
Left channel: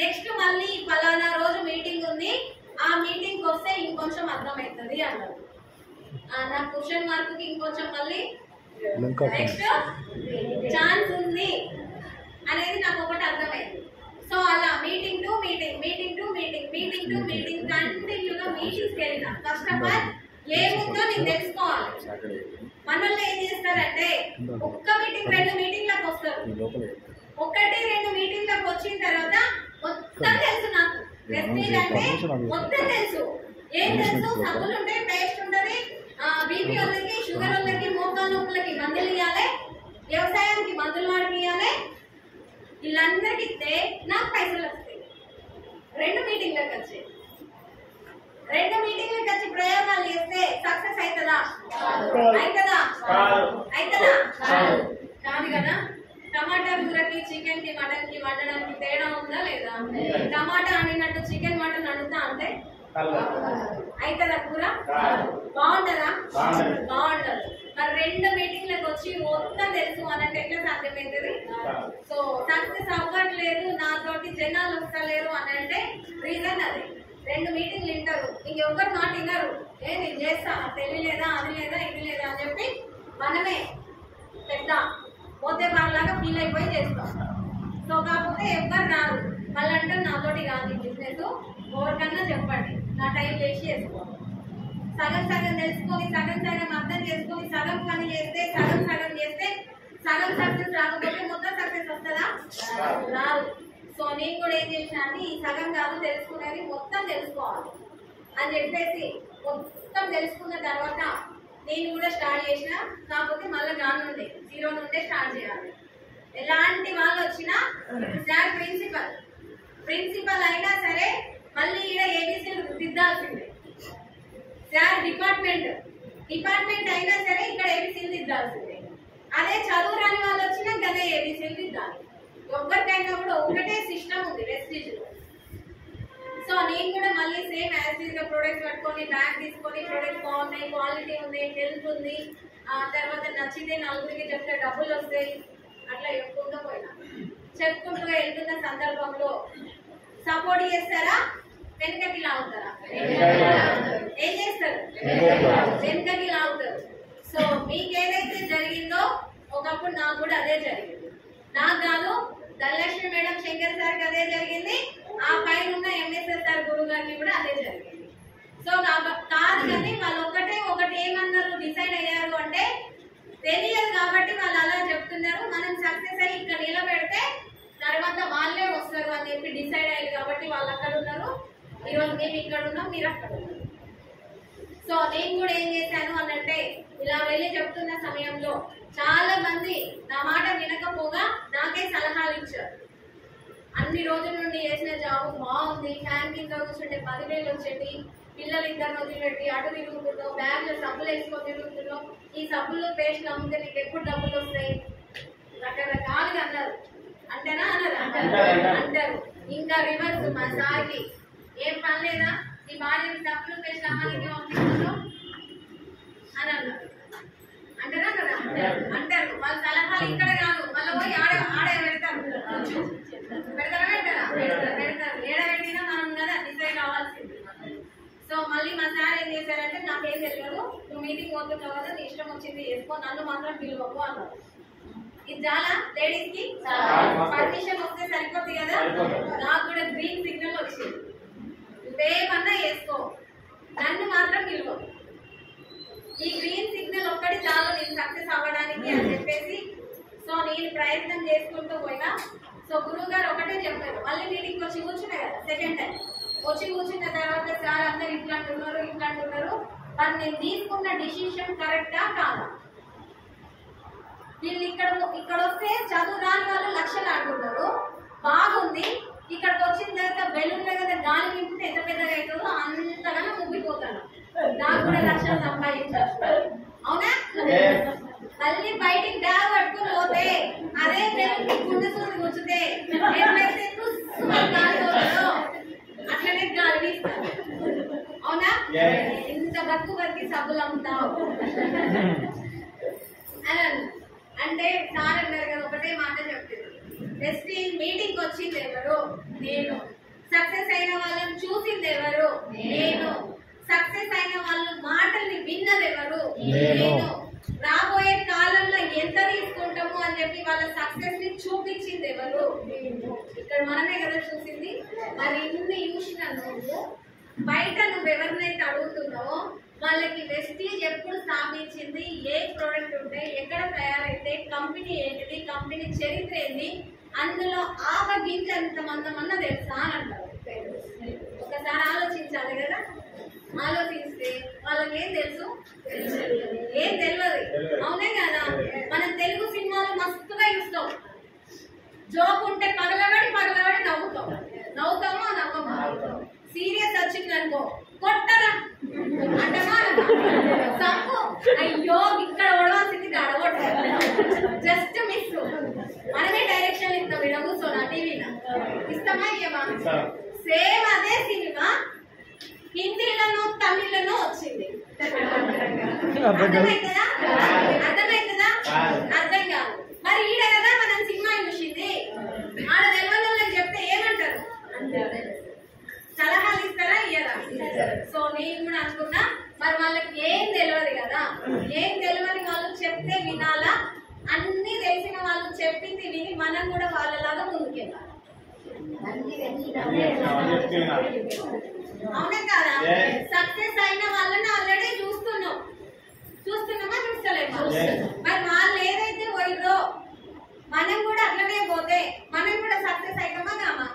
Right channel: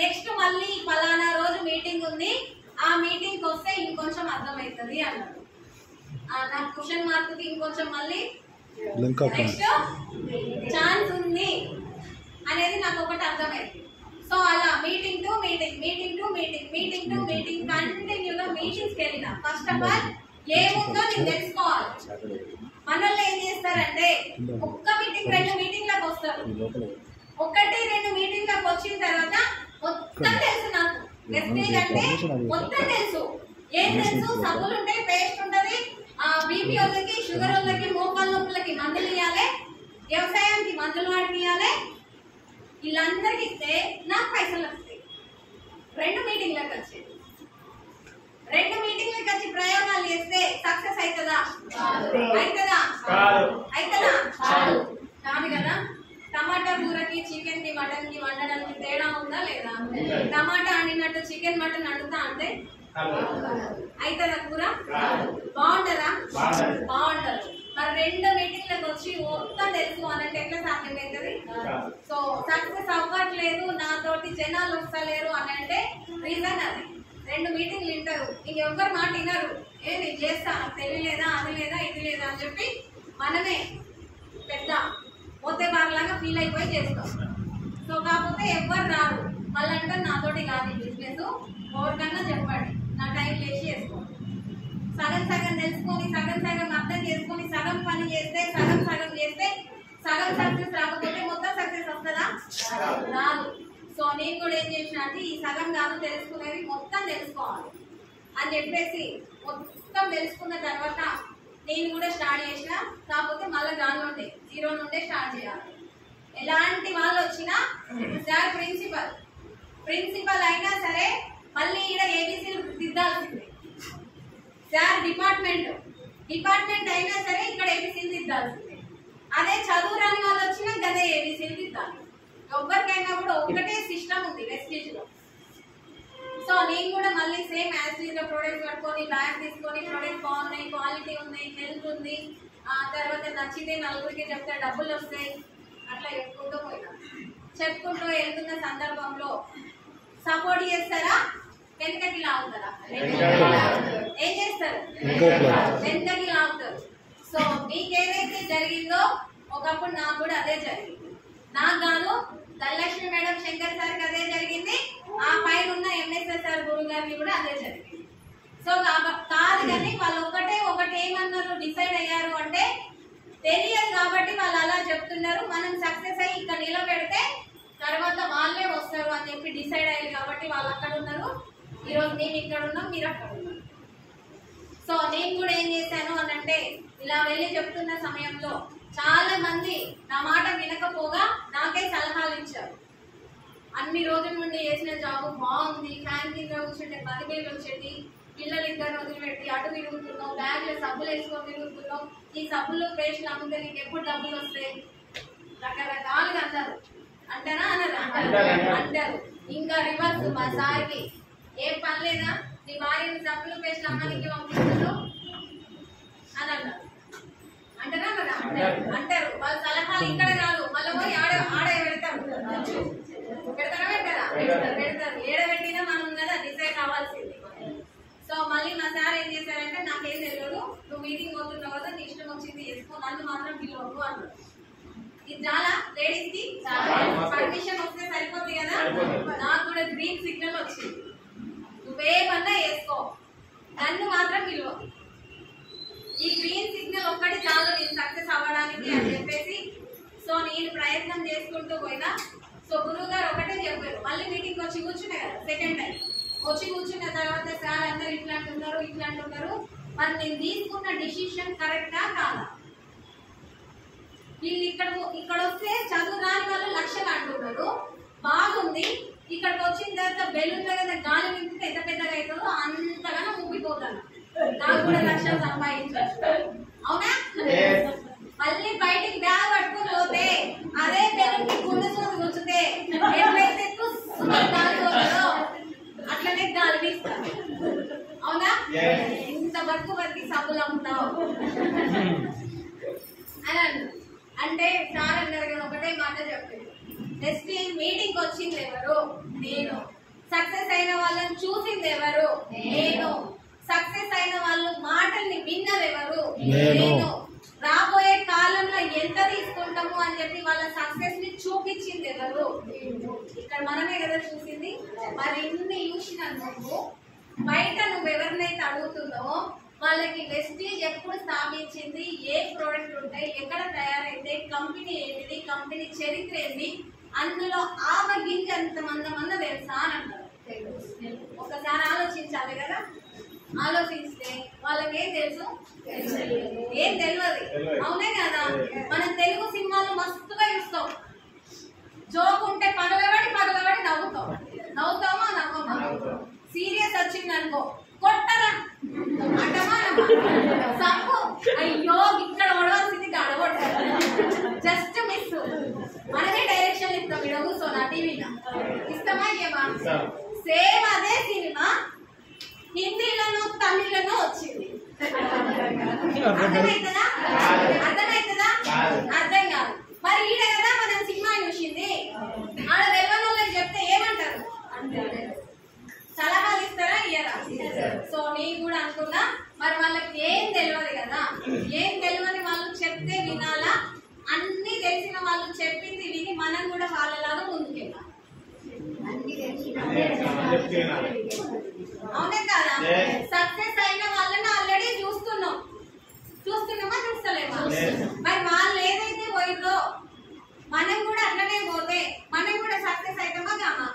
నెక్స్ట్ మళ్ళీ ఫలానా రోజు మీటింగ్ ఉంది, ఆ మీటింగ్ వస్తే ఇంకొంచెం అర్థమవుతుంది అన్నారు. నా క్వశ్చన్ మార్క్ కి ఇంకొంచెం మళ్ళీ నెక్స్ట్ ఛాన్స్ ఉంది అనేది నాకు ఒకటి అర్థమైంది. సో అలా మీటింగ్ టు మీటింగ్ కంటిన్యూగా మీటింగ్స్కి వెళ్ళిన. ఫస్ట్ ఆఫ్ ఆల్ ఏముందో నేను తెలుసుకోవాలి. మనల్ని ఏం చేస్తారంటే 1 మీటింగ్ 2 మీటింగ్లకు వస్తారు. 1-2 మీటింగ్లకు వచ్చిన తర్వాత మొత్తం తెలుసు నాకు. వెస్టేజ్ అంటే మొత్తం తెలుసు. ఏం తెలుసు? సబ్బులు ఉంటాయి, పేస్ట్ ఉంటది, బీపీ వాళ్ళకి, షుగర్ వాళ్ళకి, మోకాళ్ళ నొప్పులకి మందులు ఇవ్వాలి, వ్యవసాయానికి మందులు వాడిపియాలి. వీళ్ళందరికి ఇస్తే నాకు పైసలు వస్తాయి. 2 మీటింగ్లకు వచ్చి ప్రయోగాలు చేస్తే సక్సెస్ అవుతుందా? కాదు కదా. టమాటా కూరకి, చికెన్ కి, మటన్ కి వండడానికి తేడా ఉందా లేదా? టమాటా వండినట్టు చికెన్, మటన్ వండుతా అంటే అవుతుందా కూర? బాగుంటుందా? బాగుండదు. మరి 2 మీటింగ్లకు వచ్చి మొత్తం తెలుసు అనంటే ఎట్లా సాధ్యమవుతుంది? సో సక్సెస్ అవ్వట్లేదు, నాతోటి జనాలు వస్తలేరు అని అంటే రీజన్ అది. 2 మీటింగ్లు వింటారు, ఇంకెవ్వరు మాట వినరు. నేను చేస్తా, నాకు తెలియలేదా, అది లేదా, ఇది లేదా అని చెప్పి మనమే పెద్ద పోతే బార్లాగా ఫీల్ అయిపోయి చేస్తాం. సో కాకపోతే ఎవ్వరు రారు. మళ్ళీ అంటే నాతోటి కాదు ఈ బిజినెస్, ఎవరికన్నా చెప్పండి, నా టైం వేసి చేసుకోండి. సగం తెలుసుకొని, సగం అర్థం చేసుకొని, సగం పని చేస్తే, సగం చేస్తే సగం సక్సెస్ రాకపోతే మొత్తం సక్సెస్ వస్తుందా? రాదు. సో నేను కూడా ఏం చేసిన అంటే ఈ సగం కాదు తెలుసుకునేది మొత్తం తెలుసుకోవాలి అని చెప్పేసి మొత్తం తెలుసుకున్న తర్వాత నేను కూడా స్టార్ట్ చేసిన. కాకపోతే మళ్ళీ దాని నుండి 0 నుండే స్టార్ట్ చేయాలి. ఎలాంటి వాళ్ళు వచ్చినా సార్ ప్రిన్సిపల్ అయినా సరే మళ్ళీ ఈడ ఏబీసీలు దిద్దాల్సిందే. సార్ డిపార్ట్మెంట్ అయినా సరే ఇక్కడ ఏబీసీలు దిద్దాల్సిందే. అదే చదువు రాని వాళ్ళు వచ్చినా గదే ఏబీసీలు దిద్దాలి. ఎవరికైనా కూడా ఒకటే సిస్టమ్ ఉంది వెస్టీజ్ లో. సో నేను కూడా మళ్ళీ సేమ్ యాజ్ గా ప్రొడక్ట్స్ కట్టుకొని బ్యాగ్ తీసుకొని ప్రొడక్ట్ బాగున్నాయి, క్వాలిటీ ఉంది, హెల్త్ ఉంది, తర్వాత నచ్చితే నలుగురికి చెప్తే డబ్బులు వస్తాయి, అట్లా చెప్పుకుంటూ పోయినా. చెప్పుకుంటూ వెళ్తున్న సందర్భంలో సపోర్ట్ చేస్తారా, వెనకకి లాగుతారా? ఏం చేస్తారు? వెనకకి లాగుతారు. సో మీకేదైతే జరిగిందో ఒకప్పుడు నాకు కూడా అదే జరిగింది. నాకు కాదు, ధనలక్ష్మి మేడం, శంకర్ సార్కి అదే జరిగింది, ఆ పైన ఉన్న ఎంఎస్ఎస్ సార్ గురువు గారికి కూడా అదే జరిగింది. సో కాదు కానీ వాళ్ళు ఒకటి ఏమన్నారు, డిసైడ్ అయ్యారు అంటే తెలియదు కాబట్టి వాళ్ళు అలా చెప్తున్నారు. మనం సక్సెస్ అయ్యి ఇక్కడ నిలబెడితే తర్వాత వాళ్ళే వస్తారు అని చెప్పి డిసైడ్ అయ్యారు కాబట్టి వాళ్ళు అక్కడ ఉన్నారు. ఈరోజు మేము ఇక్కడ ఉన్నాం, మీరు అక్కడ ఉన్నారు. సో నేను కూడా ఏం చేశాను అని అంటే ఇలా వెళ్ళి చెప్తున్న సమయంలో చాలా మంది నా మాట వినకపోగా నాకే సలహాలు ఇచ్చారు. అన్ని రోజుల నుండి చేసిన జాబ్ బాగుంది, ఫ్యాన్ కింద కూర్చుంటే 10,000 వచ్చేది, పిల్లలు ఇద్దరు వదిలిపెట్టి అటు తిరుగుతున్నావు, బ్యాగ్లో సబ్బులు వేసుకొని తిరుగుతున్నావు, ఈ సబ్బులు పేస్ట్లు అమ్ముతే నీకు ఎప్పుడు డబ్బులు వస్తాయి? రకరకాలుగా అన్నారు. అంటారా అన్నారా? అంటారు. ఇంకా రివర్స్ మా సార్కి ఏం పని లేదా, నీ భార్యని సబ్బులు పేస్ట్లు అమ్మానికి పంపిస్తున్నావు అని అన్నారు. అంటారా కదా? అంటారు. వాళ్ళ సలహాలు ఇక్కడ కాదు, మళ్ళీ పోయి ఆడ పెడతారు. పెడతారా పెడతారు. ఏడబెట్టినా మనం కదా డిసైడ్ అవ్వాల్సింది. సో మళ్ళీ మా సార్ ఏం చేశారంటే, నాకేం తెలియదు, నువ్వు మీటింగ్ పోతున్నావు కదా, నీ ఇష్టం వచ్చింది చేసుకో, నన్ను మాత్రం పిలువకు అన్నారు. ఇది చాలా లేడీస్ కి పర్మిషన్ వస్తే సరిపోతుంది కదా. నాకు కూడా గ్రీన్ సిగ్నల్ వచ్చింది, నువ్వేమన్నా వేసుకో, నన్ను మాత్రం పిలువకు. ఈ గ్రీన్ సిగ్నల్ ఒక్కటి చాలు నేను సక్సెస్ అవ్వడానికి అని చెప్పేసి సో నేను ప్రయత్నం చేసుకుంటూ పోయినా. సో గురువు గారు ఒకటే చెప్పారు, మళ్ళీ మీటింగ్ వచ్చి కూర్చున్నాయి కదా సెకండ్ టైం. వచ్చి కూర్చున్న తర్వాత సార్ అందరు ఇట్లా అంటున్నారు, మరి నేను తీసుకున్న డిసిషన్ కరెక్టా కాదా? వీళ్ళు ఇక్కడ వస్తే చదువు రాని వాళ్ళు లక్షలు అంటున్నారు, బాగుంది. ఇక్కడికి వచ్చిన తర్వాత బెలూన్ కదా గాలి నింపితే ఎంత పెద్దగా అవుతుందో అంతగానో ముగ్గిపోతాను, నాకు కూడా లక్షలు సంపాదించారు. అవునా? మళ్ళీ బయటికి బ్యాగ్ పట్టుకుని పోతే అదే బెలూన్ కి గుండె సూది కూర్చుతే ఎట్లయితే గాలి పోతుందో అట్లనే గాలి తీస్తారు. అవునా? ఇంత బతికి సబ్బులు అమ్ముతావు అని అంటే సార్ అన్నారు కదా, ఒకటే మాట చెప్పింది, నెక్స్ట్ మీటింగ్ వచ్చింది ఎవరు? నేను. సక్సెస్ అయిన వాళ్ళని చూసింది ఎవరు? నేను. సక్సెస్ అయిన వాళ్ళు మాటల్ని విన్నది ఎవరు? నేను. రాబోయే కాలంలో ఎంత తీసుకుంటాము అని చెప్పి వాళ్ళ సక్సెస్ ని చూపించింది ఎవరు? ఇక్కడ మనమే కదా చూసింది. మరి ఇన్ని చూసినందుకు బయట నువ్వు ఎవరినైతే అడుగుతున్నావో వాళ్ళకి వెస్టీజ్ ఎప్పుడు స్థాపించింది, ఏ ప్రోడక్ట్ ఉంటాయి, ఎక్కడ తయారైతే, కంపెనీ ఏంటిది, కంపెనీ చరిత్ర ఏంటి, అందులో ఆవ గింజ ఎంత మందమన్న తెలుసా అని అంటారు. ఒకసారి ఆలోచించాలి కదా. ఆలోచిస్తే వాళ్ళకి ఏం తెలుసు? ఏం తెలియదు. అవునే కదా? మనం తెలుగు సినిమాలు మస్తుగా చూస్తాం, జోక్ ఉంటే పగలబడి నవ్వుతామా నవ్వమా? సీరియస్ వచ్చిందనుకో కొట్టరా అంటమా సంపు, అయ్యో ఇక్కడ ఓడవలసింది అడగొట్టారు, జస్ట్ మిస్. మనమే డైరెక్షన్ ఇస్తాం, ఇక్కడ కూర్చోనా టీవీలో ఇస్తామా ఇయ్యమా? సేమ్ అదే సినిమా హిందీలోనూ తమిళ్లోనూ వచ్చింది. అర్థమవుతుందా? అర్థం కాదు. మరి ఈడ కదా మనం సినిమా చూసింది, ఆడ తెలియని చెప్తే ఏమంటారు? సలహాలు ఇస్తారా ఇయ్యరా? సో నేను కూడా అనుకున్నా, మరి వాళ్ళకి ఏం తెలియదు కదా, ఏం తెలియని వాళ్ళు చెప్తే వినాలా, అన్ని తెలిసిన వాళ్ళు చెప్పింది విని మనం కూడా వాళ్ళలాగా ముందుకెళ్ళాలి. అవునే కదా? సక్సెస్ అయిన వాళ్ళని ఆల్రెడీ చూస్తున్నామా చూస్తలేమా? మరి వాళ్ళు ఏదైతే పోయిందో మనం కూడా అట్లనే పోతే మనం కూడా సక్సెస్ అవుతామా కామా?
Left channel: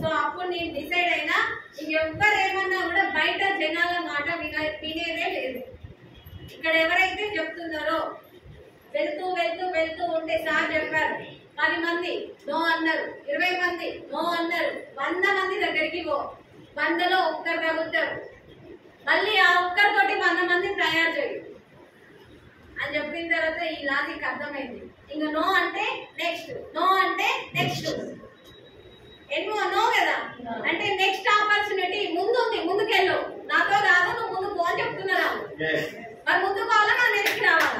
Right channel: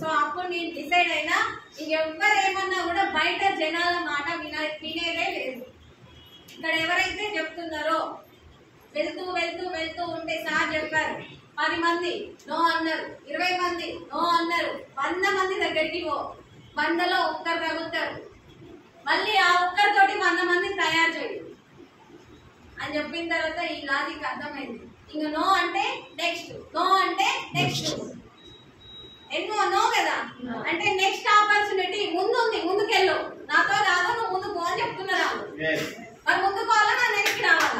సో అప్పుడు నేను డిసైడ్ అయినా, ఇంకెవ్వరేమన్నా కూడా బయట జనాల మాట వినేదే లేదు. ఇక్కడ ఎవరైతే చెప్తున్నారో వెళ్తూ ఉంటే సార్ చెప్పారు, 10 మంది నో అన్నారు, 20 మంది నో అన్నారు, 100 మంది దగ్గరికి పో, 100లో ఒక్కరు తగ్గుతారు, మళ్ళీ ఆ ఒక్కరితోటి 100 మందిని తయారు చేయి అని చెప్పిన తర్వాత ఈ లాజిక్ అర్థమైంది. ఇంక నో అంటే నెక్స్ట్, నో అంటే నెక్స్ట్, ఎన్నో నో కదా అంటే నెక్స్ట్ ఆపర్చునిటీ ముందుంది, ముందుకెళ్ళు, నాతో కాదు నువ్వు ముందు పో అని చెప్తున్నారా? మరి ముందుకు పోవాలా నా నెక్స్ట్ రావాలా?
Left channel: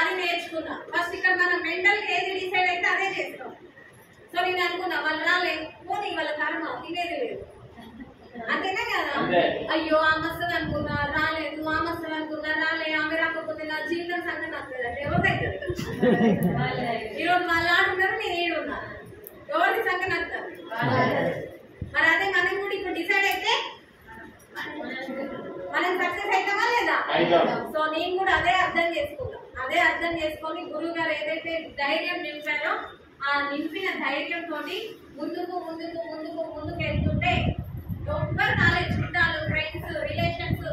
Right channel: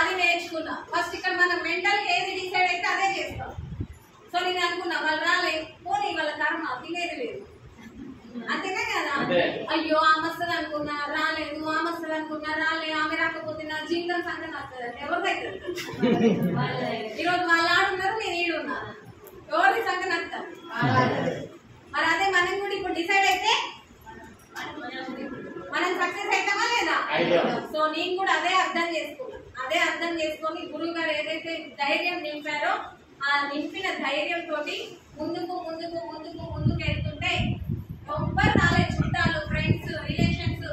అది నేర్చుకున్నా. ఫస్ట్ ఇక్కడ మనం మెంటల్ ఏది డిసైడ్ అయితే అదే చేస్తాం. సో నేను అనుకున్నా వాళ్ళు రాలే, పోనీ వాళ్ళ కర్మ, తినేది లేదు, అంతేనా కదా? అయ్యో ఆమె వస్తుంది అనుకున్నా రాలేదు, ఆమె వస్తుంది అనుకున్నా రాలే, ఆమె రాకపోతే నా జీవితం సంగతి వస్తుంది అంటే ఎవరిదైతే ఈరోజు వాళ్ళు ఆడున్నారు, నేను ఈడున్నా, ఎవరిది సంగతి వస్తుంది? మరి అదే మనం కూడా ఇప్పుడు డిసైడ్ అయితే మనం సక్సెస్ అవుతామా లేదా? సో నేను కూడా అదే అర్థం చేసుకొని గురువు గారు ఏదైతే ధైర్యం నింపారో ఆ నింపిన ధైర్యం తోటి ముందుకు వెళ్తుంటే ఎవ్వరు రాలే, చుట్టాలు, ఫ్రెండ్స్, రిలేషన్స్,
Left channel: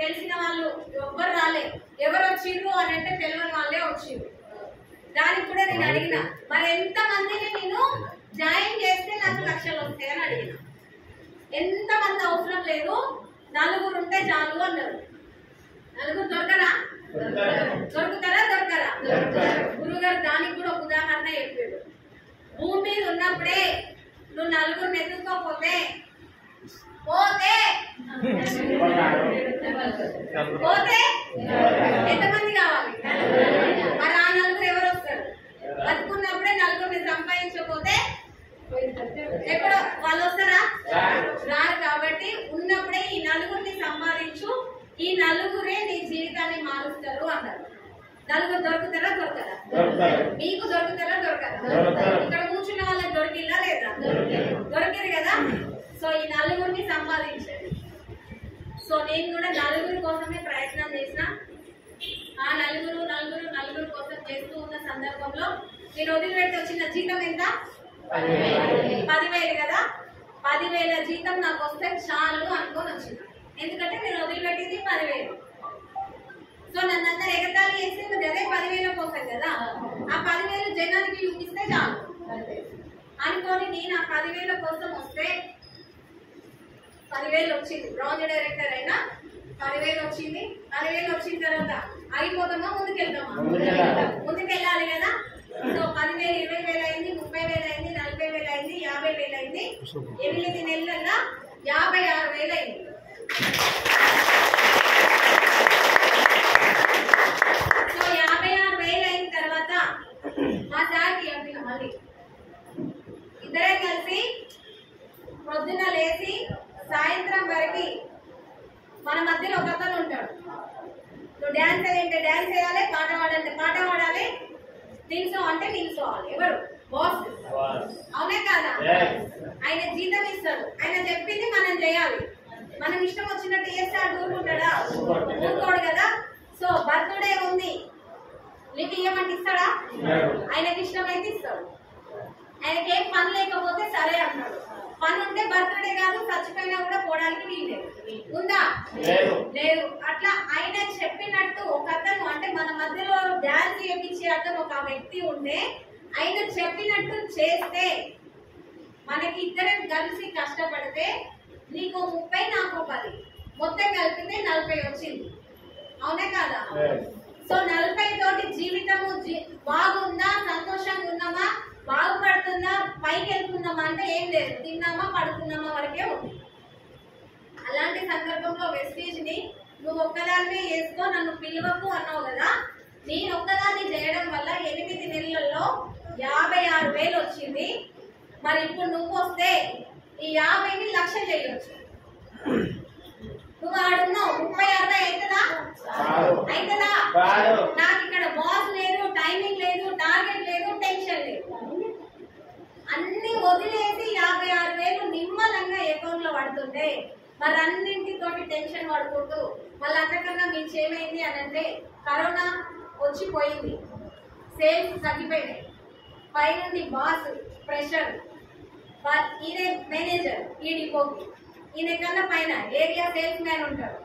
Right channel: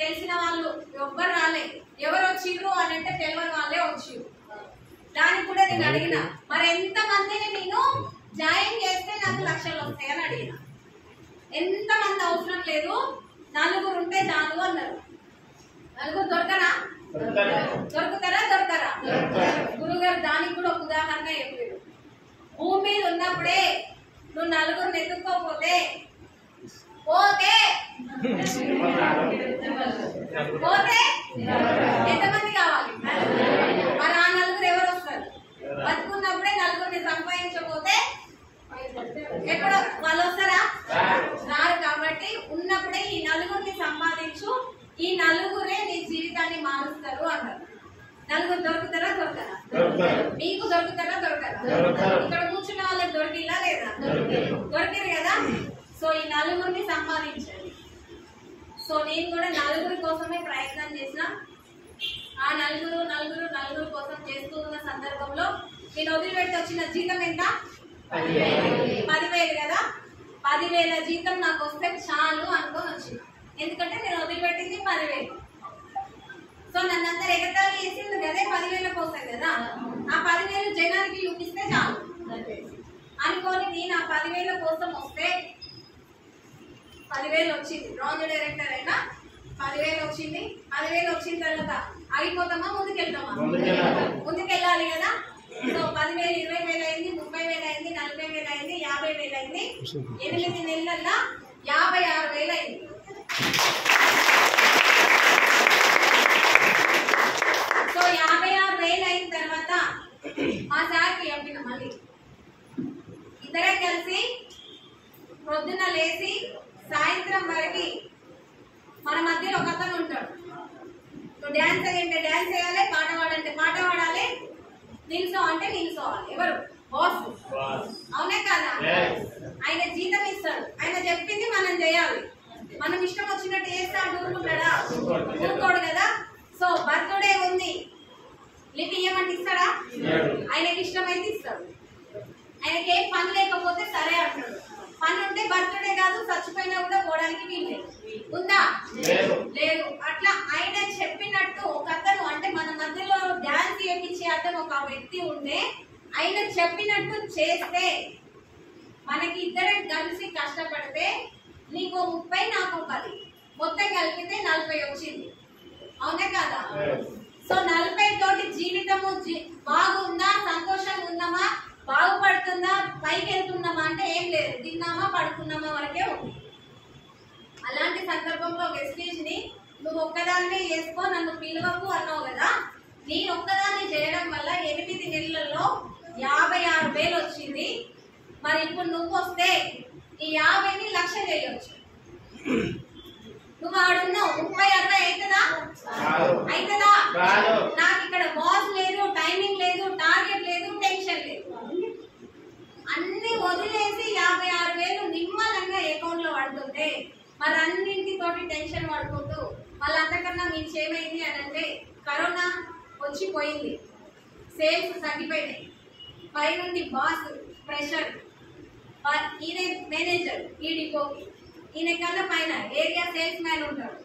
తెలిసిన వాళ్ళు ఎవ్వరు రాలే. ఎవరు వచ్చిర్రు అని అంటే తెలియని వాళ్ళే వచ్చిర్రు. దానికి కూడా నేను అడిగిన, మరి ఎంత మందిని నేను జాయిన్ చేస్తే నాకు 1,00,000 ఎంతమంది అవసరం లేదు, నలుగురు ఉంటే చాలు అన్నారు. నలుగురు దొరకరా? దొరుకుతారా? దొరకరా? గురుగారు దానికి కూడా ఒక ఉదాహరణ చెప్పారు. భూమి మీద ఉన్నప్పుడే నువ్వు నలుగురిని ఎత్తుకోపోతే పోతే ఎంతమంది కావాలి? మరి ఆ నలుగురు ఎవరు వస్తారు? బతుకున్నప్పుడే నలుగురిని సంపాదించకపోతే ఎప్పుడు వాళ్ళు వస్తారా? రారు. కాబట్టి ఉన్నప్పుడే ఈ నలుగురిని సంపాదించు, ఈ నలుగురే నీ జీవితాన్ని మారుస్తారు అన్నారు. నలుగురు దొరుకుతారా? దొరకరా? మీకు దొరుకుతారా? దొరకరా? ఇక్కడ కూర్చున్న వాళ్ళకి దొరికిలా లేదా? దొరికింది కదా. సో ఈ నలుగురిని సంపాదించండి. సో నేను కూడా నలుగురి కోసమే ప్రయత్నం చేసిన. ఆ నలుగురు కోసం చేస్తూ ఉన్న సందర్భంలో నేను వదిలిపెట్టి వచ్చిన జీతం ఎంత? 10,000 కదా. 10,000 జీతం నాకు వస్తే చాలు అనుకొని వచ్చిన. ఎందుకంటే నేను వదిలిపెట్టింది 10,000. సో నన్ను అందరు ఎగతాళి చేసింది అదే 10,000 కోసం కదా. ఆ 10,000 జనానికి చూపిస్తే చాలు అనుకోని నేను ఆ 10,000 కోసం వస్తే 10,000 వచ్చింది. బ్రాంజ్ డైరెక్టర్ అయినా 10,000 వచ్చింది. 10,000 వచ్చిన తర్వాత ఆగిపోతామా? ముందుకెళ్తామా? ముందుకెళ్ళాలి కదా. సో 10,000 20,000 అయింది, 30,000 అయింది, 40,000 అయింది, 50,000 అయింది. 8 నెలల్లో 56,000 అయింది. సో 56,000 అయిన తర్వాత మా సార్కి చెప్పిన మళ్ళీ ఇద్దరే కలిసి పొద్దున లేచి సాయంత్రం వరకు మన మధ్యలో ఒక అతను ఉంటాడు. నువ్వు డ్యాన్స్ అయ్యంటే డ్యాన్స్ వేయాలి, పాట పాడంటే పాట పాడాలి, నిల్చో అంటే నిల్చోవాలి. ఎవరు? బాస్. అవునే కాదా? ఆయన జీతం ఇస్తాడు, ఆయన చెప్పింది మనం చేయాలి. మనం ఇష్టం వచ్చినట్టు చేస్తే ఊరుకుంటాడా? ఊరుకోడు కదా. సో బర్త్డే ఉంది, లివ్ ఇయ్యమంటే ఇస్తాడా? ఆయనకి ఇష్టమైతే ఇస్తాడు. ఆయనకి ఏం పని లేకపోతే సరే అంటాడు. పని ఉంటే బర్త్డే కాదు, చచ్చిపోయినా కూడా పోవడానికి వీల్లేదు. ఉందా? లేదు. అట్లా ఆయన చెప్పినట్టు ఒక అతను, అంటే మన మధ్యలో డాన్స్ చేయించే అతను ఒక వ్యక్తి ఉంటే ఆయన చెప్పినట్టు చేస్తే, మనకి ఇద్దరం కలిసి కష్టపడితే నీకు 30 నాకు 10 మొత్తం కలిపితే 40 వచ్చింది. అవునే కాదా? సో 40 తోటి జీవితము బాగుందా? సంతోషంగా ఉన్నామా? బాగుపడుతుందా? పైకి వెళ్తున్నామా అంటే ఏం లేదు. తిన్నామా పడుకున్నామా వరకే ఉంది. అలాంటి సందర్భంలో వెస్టేజ్ ని నువ్వు ఒక్కదాన్ని వేసుకో, నన్ను పిలువకు అన్నావు కదా. నేను ఒక్కదాన్ని చేయడం వల్ల 8 నెలల్లో 56,000 వచ్చింది. మరి ఇప్పుడు నువ్వు వస్తే ఈ 50ని 1,00,000 చేయొచ్చు. నువ్వు ఆడున్నావు 30-60 అవుతుందా? అవుతుందా? నాకు ఇక్కడ బాస్ లేదు, టైమింగ్ లేదు, టార్గెట్ లేదు, టెన్షన్ లేదు. అన్ని వదిలేసి 56,000 నిమ్మలంగా అకౌంట్ లో పడుతుంటే మరి అన్నింటితోటి టెన్షన్ పడుకుంటూ మళ్ళీ అంతకన్నా మించి ఏమైంది అని అంటే కరోనా వచ్చిపోయింది, సేల్స్ తగ్గిపోయినాయి. పై నుండి బాస్ ప్రెషర్, ఈయన మేనేజర్ ఈ డిపోకి, ఈయన కన్నా పైన ఏరియా సేల్స్ మ్యాన్ ఉంటాడు.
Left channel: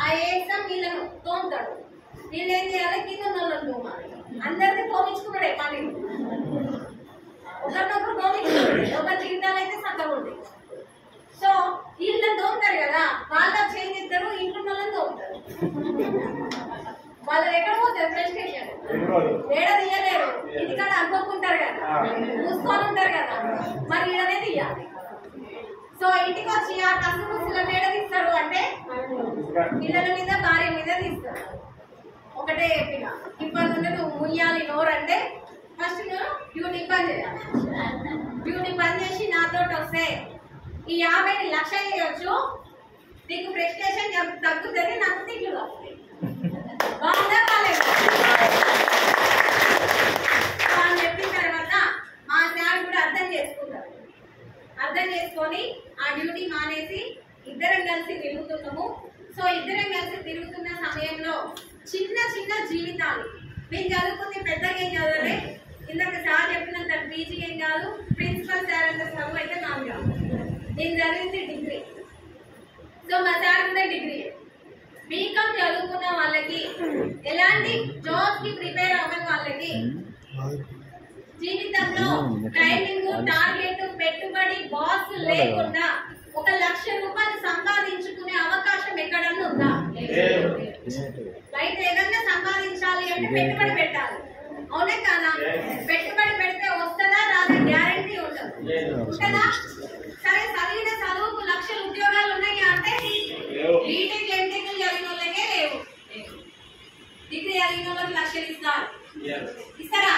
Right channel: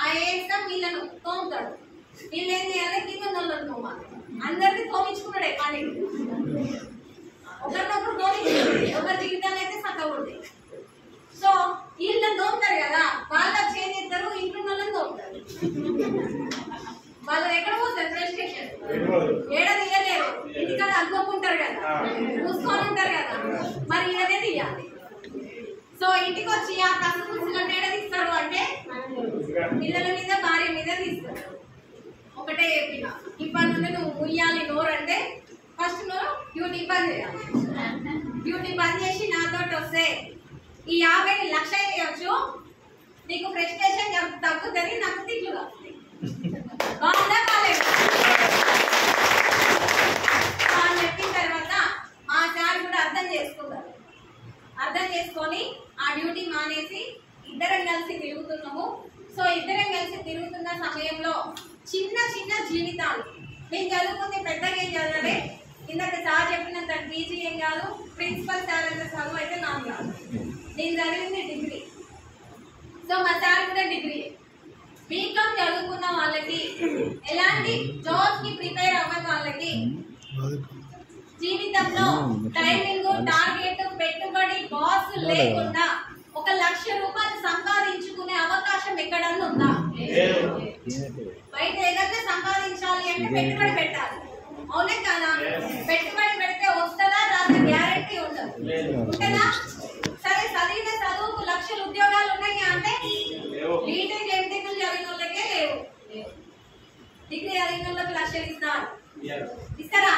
ఆ ఏరియా వీళ్ళను తోముతాడు. వీళ్ళు ఏం చేయాలి? కింద నల్లని తోమాలి. అందరికీ తోమించుకున్నాడే పని. ఒకరినొకరు తోమించుకుంటాడు. ఒకరి జీవితాలు అయితే సత్తకూడదు. సో వీళ్ళని తోముతారు కదా, వాళ్ళకి చేంజ్ చేస్తారు, ఇంట్లో వాళ్ళని తోముతారు. వాళ్ళు ఎక్కడ పోతారు? ఫ్రస్ట్రేషన్ ఏడ తీయలేరు. ఇంటికాడ అనుకోకుంటారు కదా, చూసుకొని ఉంటారు కదా, మరి ఈడనే తీయాలి. సో ఇంటికి వచ్చి ఆ కసు ముసులను ఏడ తీస్తారు అంటే పిల్లల మీద, భార్య మీద తీస్తారు. ఒకటే చెప్పిన, ఇప్పటి నుండి నువ్వు ముయ్యాలి నోరు అంటే ఫస్ట్ నువ్వు డ్యూటీ పని చేయాలి. డ్యూటీ పని చేసి నాతో వస్తే ఈ 50ని 1,00,000 చేయొచ్చు. నీకు ఫ్రస్ట్రేషన్ తగ్గుతుంది, నాకు తిట్లు వస్తాయి. బాగుందా? కాలేదు అని చెప్పిన తర్వాత మా సార్ కూడా అర్థం చేసుకుంటారు. అర్థం చేసుకొని ఆ డ్యూటీ మానేసి ఇద్దరం కలిసి తిరుగుతున్నాము. సో ఇద్దరం కలిసి తిరుగుతున్న సమయంలో చిన్న చిన్న జీవితాలు, నేను చదువుకుంది పెద్దగా ఏం చదవలే. ఇందాక సార్ చెప్పినంత పీజీ ఏం కాదు, ప్రిన్సిపల్ సార్ అంత చదువు అయితే నాకు కాదు. నేను చదివింది డిగ్రీ. సో మా సార్ కూడా డిగ్రీ. బీకామ్ చదువుకున్న వాళ్ళకి, ఎలాంటి జాబ్స్ కి ప్రిపేర్ అవ్వని వాళ్ళకి జీవితంలో టైమింగ్, టార్గెట్, పెట్టుబడి, బాస్ లేకుండా 1,00,000 పెట్టుబడి పెట్టాలి, అవునే కాదా? పెట్టుబడి పెడితే వస్తుందా రాదా గ్యారంటీ ఉండదు, ఉంటుందా? సరే చదివిన చదువుకు లక్షల ఉద్యోగాలు ఉన్నాయి అంటే బీటెక్ ఎంటెక్లు చదివిన వాళ్ళకే లేవు, డిగ్రీ చదివిన వాళ్ళకి లక్షలు ఇస్తారు, ఇస్తారా?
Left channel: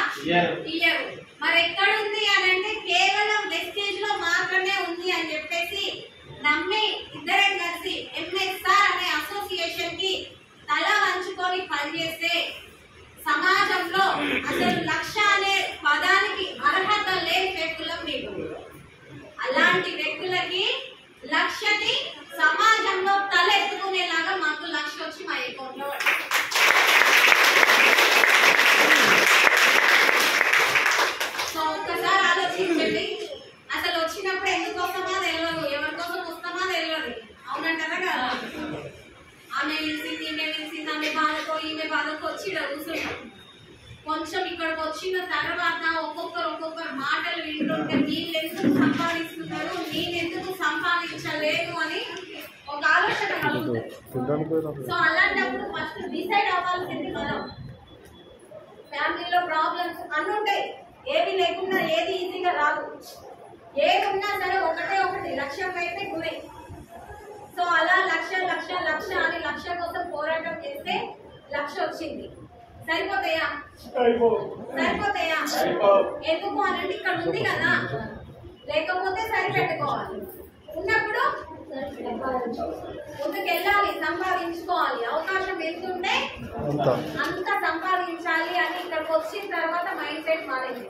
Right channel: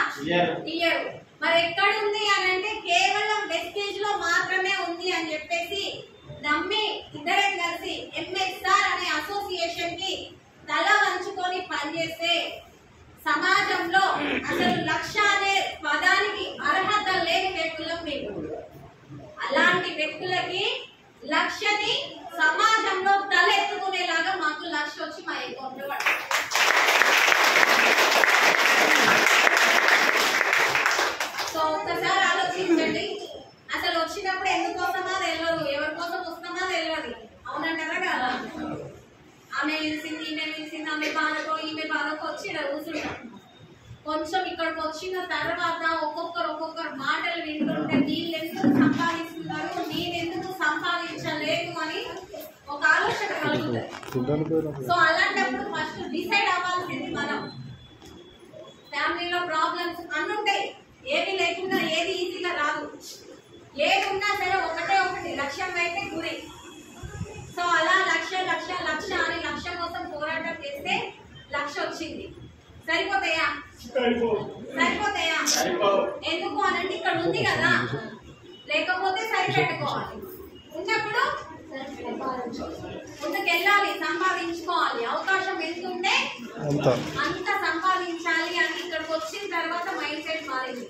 ఇయ్యరు. మరి ఎక్కడ ఉంది అని అంటే కేవలం వెస్టేజ్ లో మాత్రమే ఉంది అని చెప్పేసి నమ్మి ఇద్దరం కలిసి ఎంఎస్ఆర్ అనే అసోసియేషన్ కి తల వంచుకొని పనిచేస్తే సమాజంలో అసలు లక్ష అనే పదానికి అర్హత లేని వ్యక్తులం మీకు. అలాంటి వ్యక్తులకి లక్షని సమాజంలో తలెత్తుకునేలాగా మాకు లక్ష వచ్చి మా అకౌంట్ లో పడుతుంది. సో ఒక్కసారి ఆలోచించండి, అసలు వచ్చినప్పుడు ఎందుకు వస్తామా తెలియదు, ఎవరి కోసం వస్తామా తెలియదు, అవునంటారా కదా? ఆమె పిలిచింది, ఈమె పిలిచింది, ఆమె బాధకో ఈమె బాధకో వచ్చి ఇక్కడ కూర్చుంటాం. కొంచెం ఇక్కడికి వచ్చిన తర్వాత ఒక్కొక్కరు మాటలు వింటుంటే వీళ్ళు ఎందుకు సంపాదిస్తున్నారు, నేను ఎందుకు సంపాదించలేను అని ఒక ఆలోచన కలుగుతుంది. సో అలాంటప్పుడు ఫస్ట్ డిసైడ్ అవ్వాల్సింది మనం. ఫ్యామిలీలో ప్రాబ్లమ్స్ అన్ని ఉంటాయి, ఏది లేకుండా ఏది ఈజీగా రాదు, ఏది ఉన్నా సరే ఒకటి లక్ష్యం అయితే గురి. సో అలా లక్ష అని లక్ష కోసం పోరాటం చేస్తే లక్ష వచ్చింది. సరిపోతాయా? ఎందుకు అనంటే ఇక్కడ ఉంది కదా, లేకపోతే సరిపెట్టుకోవాలి, ఉన్నప్పుడు ముందుకెళ్ళాలి, సంపాదించుకోవాలి. అవకాశం ఎంత ఉంటే అంత సంపాదించాలి అని ఇక్కడికి వచ్చిన తర్వాత మైండ్ సెట్ మారింది.